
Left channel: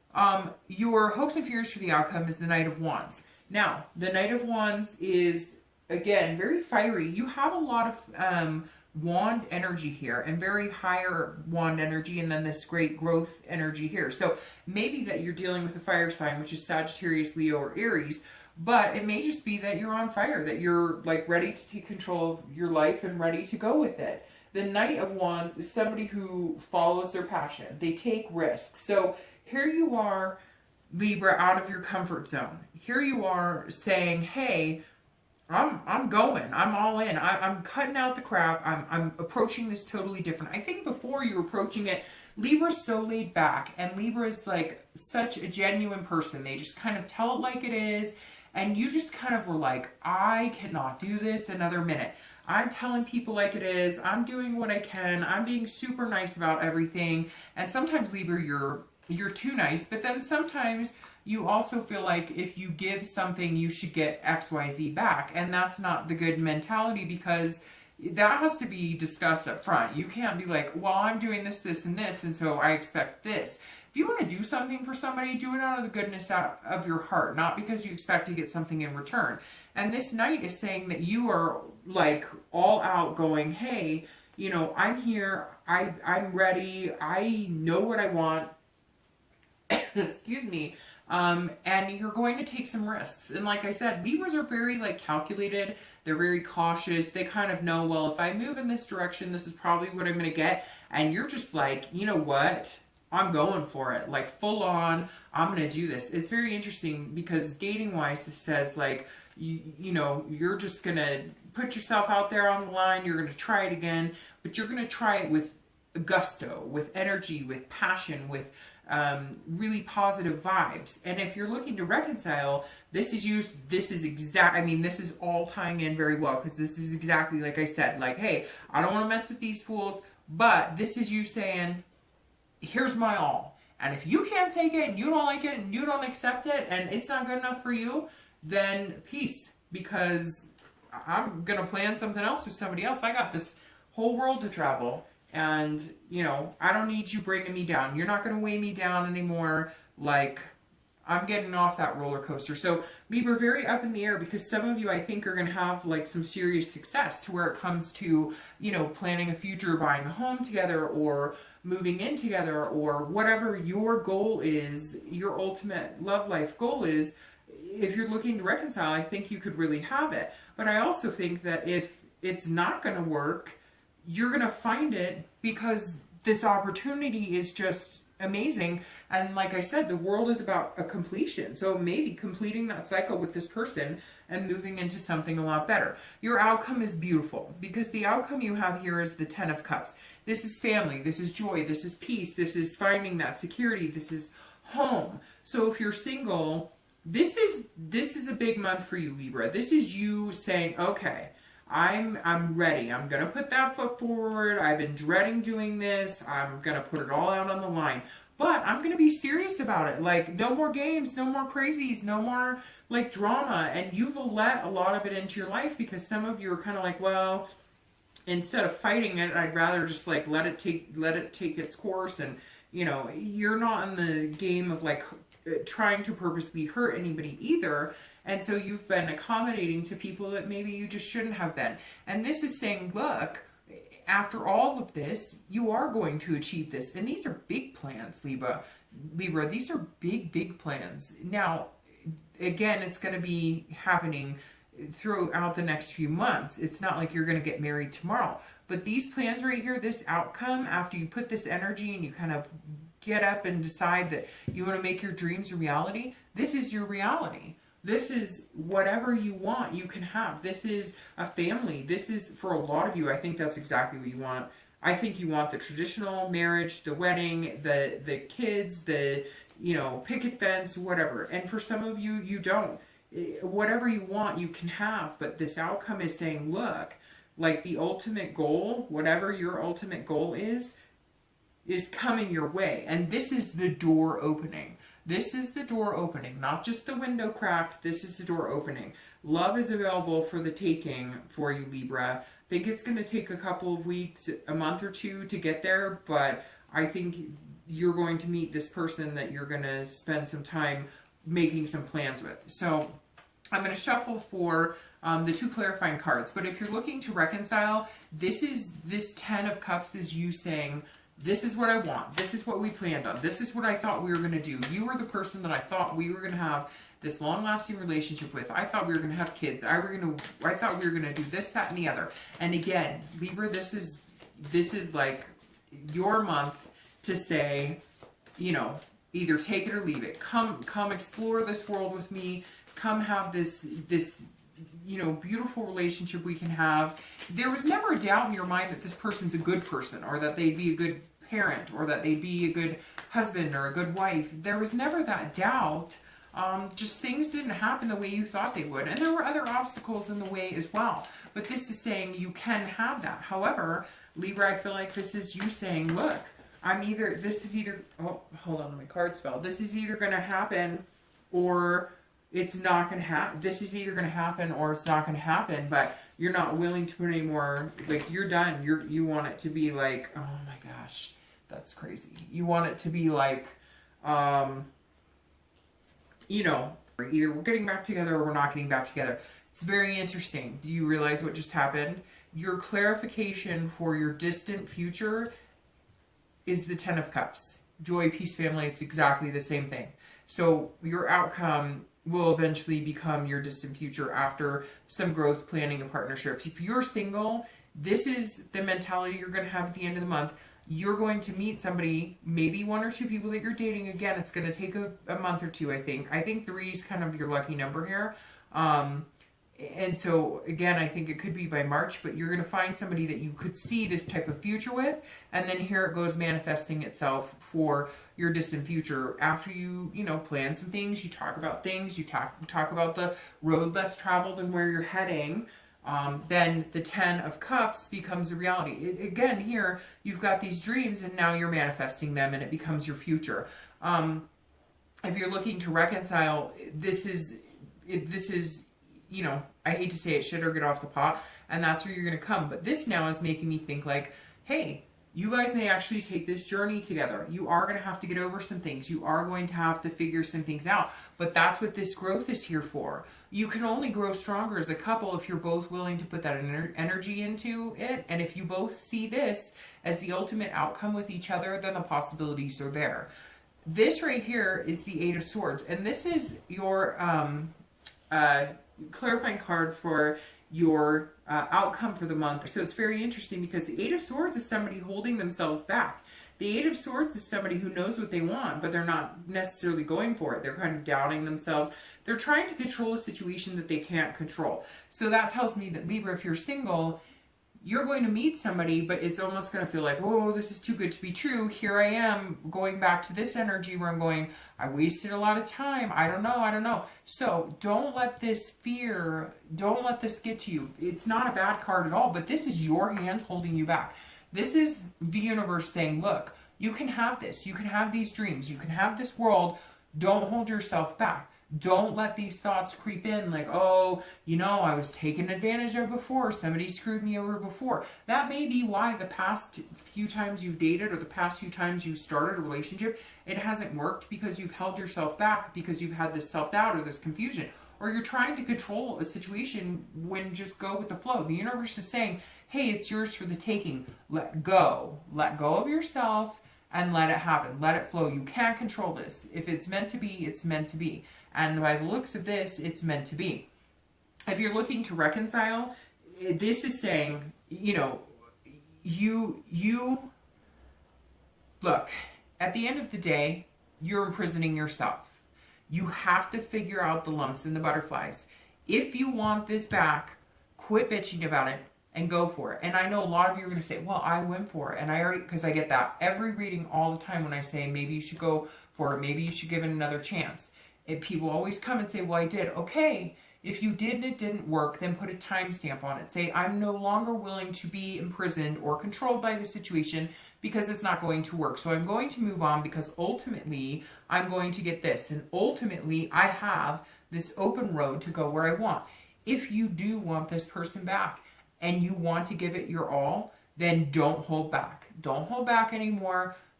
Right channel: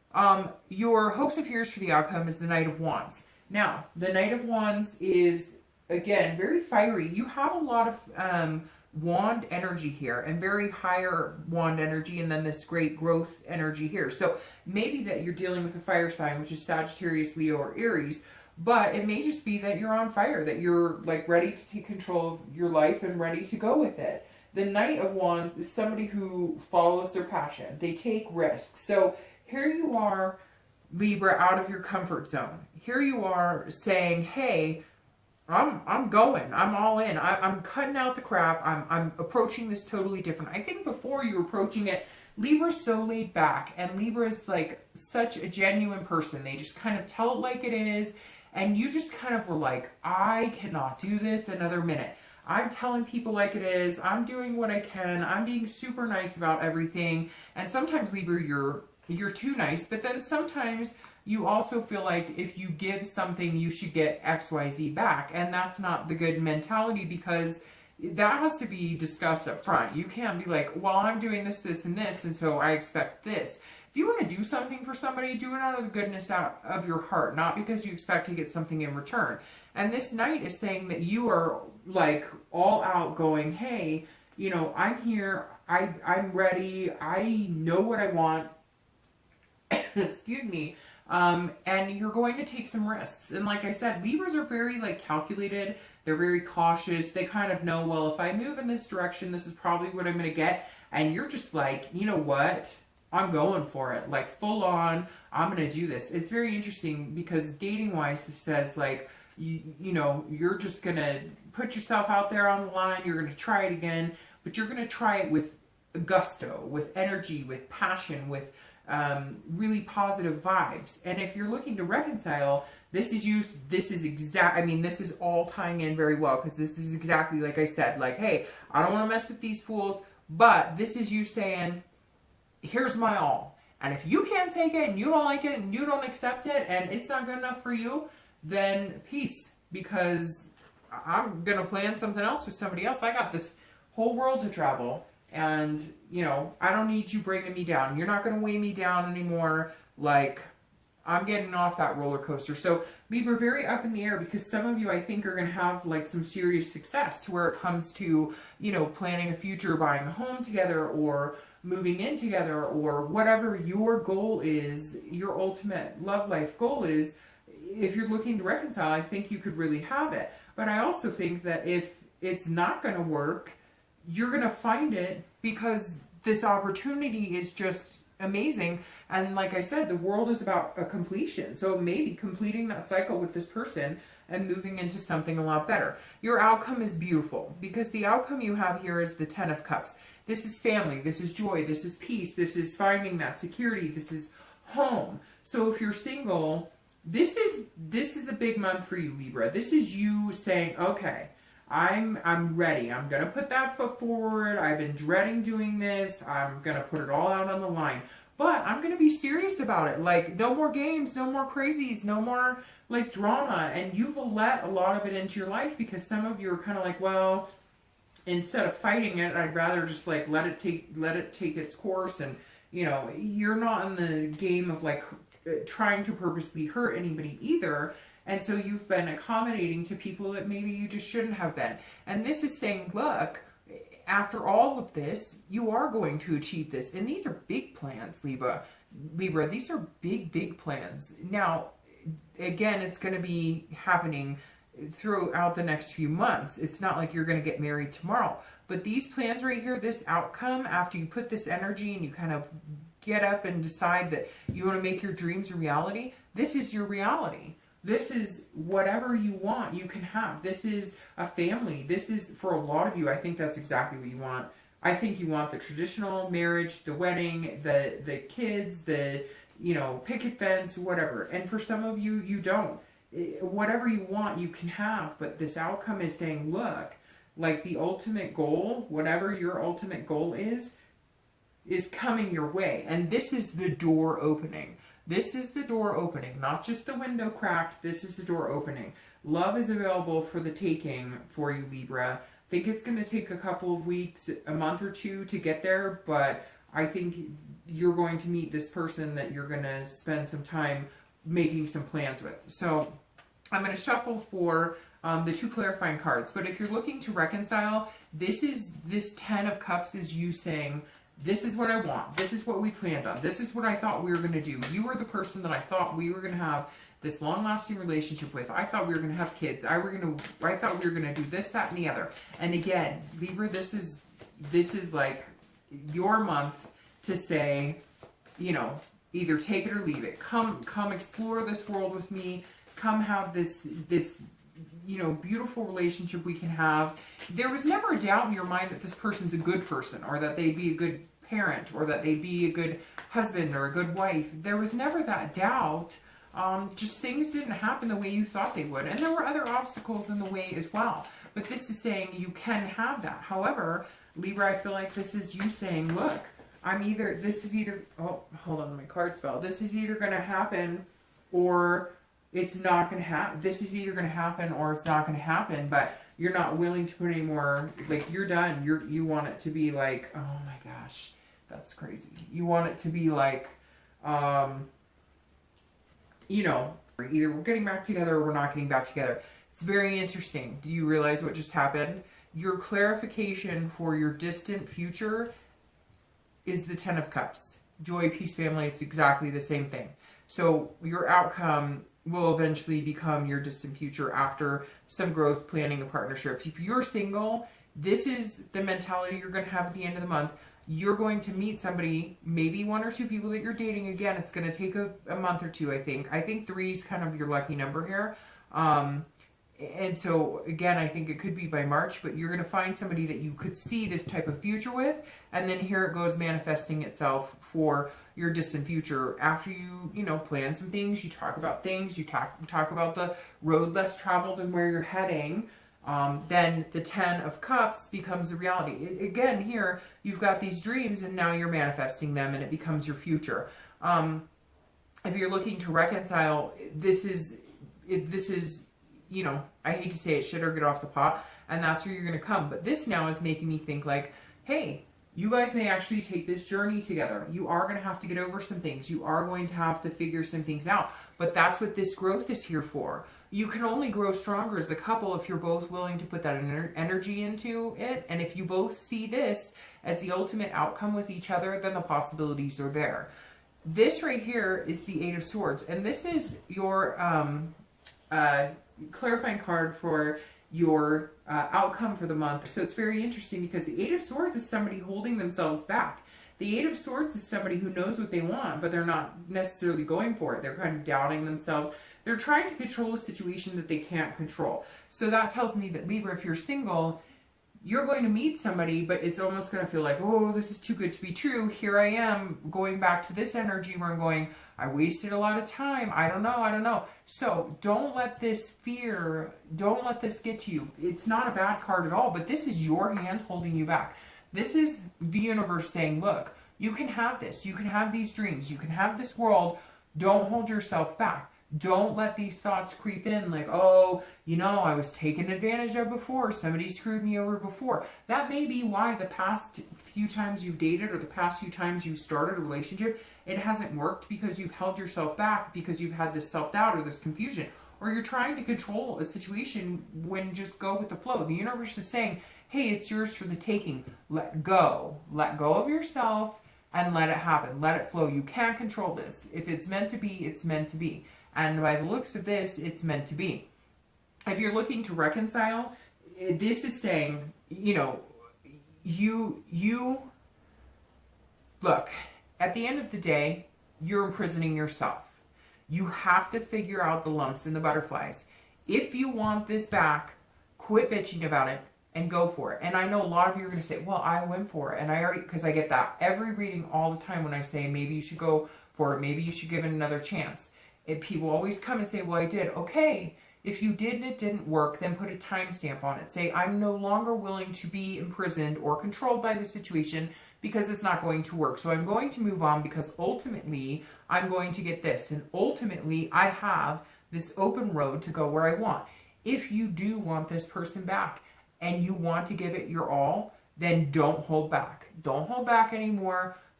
Your hopes and fears for the outcome is the Knight of Wands. Now, the Knight of Wands is, again, very fiery. You have a lot of wand energy here, and very higher wand energy, and then this great growth energy here. So maybe that you're dealing with a fire sign, which is Sagittarius, Leo, or Aries, but it may just be that you're on fire, that you're like ready to take control of your life and ready to go with it. The Knight of Wands is somebody who follows their passion. They take risks. So here you are, Libra, out of your comfort zone. Here you are saying, hey, I'm going. I'm all in. I'm cutting out the crap. I'm approaching this totally different. I think before you were approaching it, Libra's so laid back, and Libra is like such a genuine person. They just kind of tell it like it is, and you just kind of were like, I cannot do this another minute. I'm telling people like it is. I'm doing what I can. I'm being super nice about everything. And sometimes, Libra, you're too nice, but then sometimes you also feel like if you give something, you should get XYZ back. And that's not the good mentality, because that has to be discussed up front. You can't be like, well, I'm doing this, this, and this, and so I expect this. If you want to do something for somebody, do it out of the goodness of your heart, not because you expect to get something in return. And this Knight is saying that you are like all out going, hey, you know, I'm here, I'm ready, I know what I want, excuse me, and you're going to take some risks. And like I said, Libras are very like calculated, they're very cautious, they kind of know, well, if I move in this direction, this is probably what I'm going to get. And you're just like, you know what, I'm going for it, like full on, I'm going to do this. It's very interesting because dating wise, this says like, you know, you're just going to put yourself out there on the line, you're going to try it again, but you're going to try it with gusto, with energy, with passion, with really positive vibes. And if you're looking to reconcile, this is all tying in very well, because this is exactly like I said, like, hey, I don't want to mess with these fools, but this is you saying, here's my all. And if you can't take it and you don't like it and you don't accept it and it's not good enough for you, then peace, because I'm going to plan something else with somebody else. I got this whole world to travel, and, you know, I don't need you bringing me down. You're not going to weigh me down anymore. Like, I'm getting off that roller coaster. So Libra, very up in the air, because some of you, I think, are going to have like some serious success to where it comes to, you know, planning a future, buying a home together, or moving in together, or whatever your goal is, your ultimate love life goal is. If you're looking to reconcile, I think you could really have it. But I also think that if it's not going to work, you're going to find it, because this opportunity is just amazing. And like I said, the world is about a completion. So maybe completing that cycle with this person and moving into something a lot better. Your outcome is beautiful, because the outcome you have here is the Ten of Cups. This is family, this is joy, this is peace, this is finding that security, this is home. So if you're single, this is a big month for you, Libra. This is you saying, okay, I'm ready. I'm going to put that foot forward. I've been dreading doing this. I'm going to put it all out on the line. But I'm going to be serious about it. Like, no more games, no more crazies, no more, like, drama. And you've let a lot of it into your life, because some of you are kind of like, well, instead of fighting it, I'd rather just, like, let it take its course. And, you know, you're not in the game of, like, trying to purposely hurt anybody either. And so you've been accommodating to people that maybe you just shouldn't have been. And this is saying, look, after all of this, you are going to achieve this. And these are big plans, Libra. These are big, big plans. Now, again, it's going to be happening throughout the next few months. It's not like you're going to get married tomorrow. But these plans right here, this outcome, after you put this energy and you kind of get up and decide that you want to make your dreams a reality, this is your reality. This is whatever you want, you can have. This is a family. This is, for a lot of you, I think that's exactly what you want. I think you want the traditional marriage, the wedding, the kids, the, you know, picket fence, whatever. And for some of you, you don't. Whatever you want, you can have. But this outcome is saying, look, like the ultimate goal, whatever your ultimate goal is coming your way. And this is the door opening. This is the door opening, not just the window cracked. This is the door opening. Love is available for the taking for you, Libra. I think it's going to take a couple of weeks, a month or two to get there, but I think you're going to meet this person that you're going to spend some time making some plans with. So I'm going to shuffle for the 2 clarifying cards. But if you're looking to reconcile, this 10 of Cups is you saying, this is what I want. This is what we planned on. This is what I thought we were going to do. You were the person that I thought we were going to have this long-lasting relationship with. I thought we were going to have kids. I thought we were going to do this, that, and the other. And again, Libra, this is like your month to say, you know, either take it or leave it. Come explore this world with me. Come have this, you know, beautiful relationship we can have. There was never a doubt in your mind that this person's a good person, or that they'd be a good parent, or that they'd be a good husband or a good wife. There was never that doubt. Just things didn't happen the way you thought they would. And there were other obstacles in the way as well. But this is saying you can have that. However, Libra, I feel like this is you saying, look, this is either, oh, hold on, my cards fell. This is either going to happen or it's not going to happen. This is either going to happen or it's not going to happen, but you're not willing to put any more, like, you're done. You want it to be like, oh my gosh, that's crazy. You want it to be like, you know, either we're getting back together or we're not getting back together. It's very interesting. Do you realize what just happened? Your clarification for your distant future is the 10 of Cups. Joy, peace, family, it's exactly the same thing. So your outcome will eventually become your distant future after some growth, planning, and partnership. If you're single, this is the mentality you're going to have at the end of the month. You're going to meet somebody, maybe 1 or 2 people that you're dating. Again, it's going to take a month or 2, I think. I think 3 is kind of your lucky number here. And so, again, I think it could be by March, but you're going to find somebody that you could see this type of future with. And then here it goes manifesting itself for your distant future. After you know, plan some things, you talk about things, you talk about the road less traveled and where you're heading. Then the 10 of Cups becomes a reality. Again, here, you've got these dreams and now you're manifesting them and it becomes your future. If you're looking to reconcile, this is, you know, I hate to say it, shit or get off the pot, and that's where you're going to come. But this now is making me think like, hey, you guys may actually take this journey together. You are going to have to get over some things. You are going to have to figure some things out. But that's what this growth is here for. You can only grow stronger as a couple if you're both willing to put that energy into it. And if you both see this as the ultimate outcome with each other, then the possibilities are there. This right here is the 8 of Swords. And this is your clarifying card for your outcome for the month. So it's very interesting because the 8 of Swords is somebody holding themselves back. The 8 of Swords is somebody who knows what they want, but they're not necessarily going for it. They're kind of doubting themselves. They're trying to control a situation that they can't control. So that tells me that, Libra, if you're single, you're going to meet somebody, but it's almost going to feel like, oh, this is too good to be true. Here I am going back to this energy where I'm going, I wasted a lot of time. I don't know. So don't let this fear, don't let this get to you. It's not a bad card at all, but this is your hand holding you back. This is the universe saying, look, you can have this. You can have these dreams. You can have this world. Don't hold yourself back. Don't let these thoughts creep in like, oh, you know, I was taken advantage of before. Somebody screwed me over before. That may be why the past few times you've dated or the past few times you started a relationship, it hasn't worked because you've held yourself back, because you've had this self-doubt or this confusion, or you're trying to control a situation when just go with the flow. The universe is saying, hey, it's yours for the taking. Let go. Let go of yourself and let it happen. Let it flow. You can't control this. If it's meant to be, it's meant to be. And by the looks of this, it's meant to be. If you're looking to reconcile, this is saying, you know, you look, at the end of the day, you're imprisoning yourself. You have to figure out the lumps and the butterflies. If you want this back, quit bitching about it and go for it. And I know a lot of you are going to say, well, I went for it. And I already, because I get that every reading all the time when I say, maybe you should go for it. Maybe you should give it another chance. If people always come and say, well, I did. Okay, if you did and it didn't work, then put a timestamp on it. Say, I'm no longer willing to be imprisoned or controlled by the situation because it's not going to work. So I'm going to move on because ultimately I'm going to get this. And ultimately I have this open road to go where I want. If you do want this person back and you want to give it your all, then don't hold back. Don't hold back anymore.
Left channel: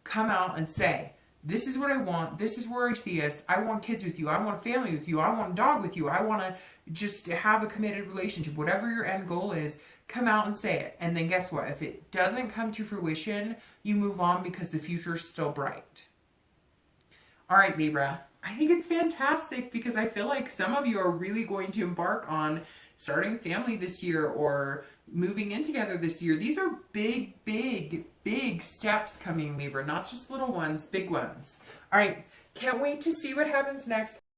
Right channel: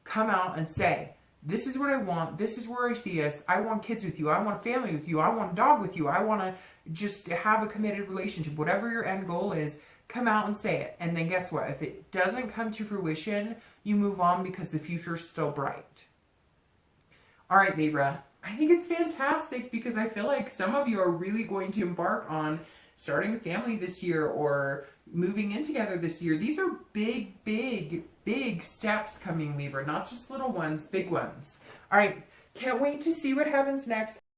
come out and say, this is what I want. This is where I see us. I want kids with you. I want a family with you. I want a dog with you. I want to just have a committed relationship. Whatever your end goal is, come out and say it. And then guess what? If it doesn't come to fruition, you move on because the future is still bright. All right, Libra. I think it's fantastic because I feel like some of you are really going to embark on starting a family this year or moving in together this year. These are big, big, big steps coming, Libra. Not just little ones, big ones. All right. Can't wait to see what happens next.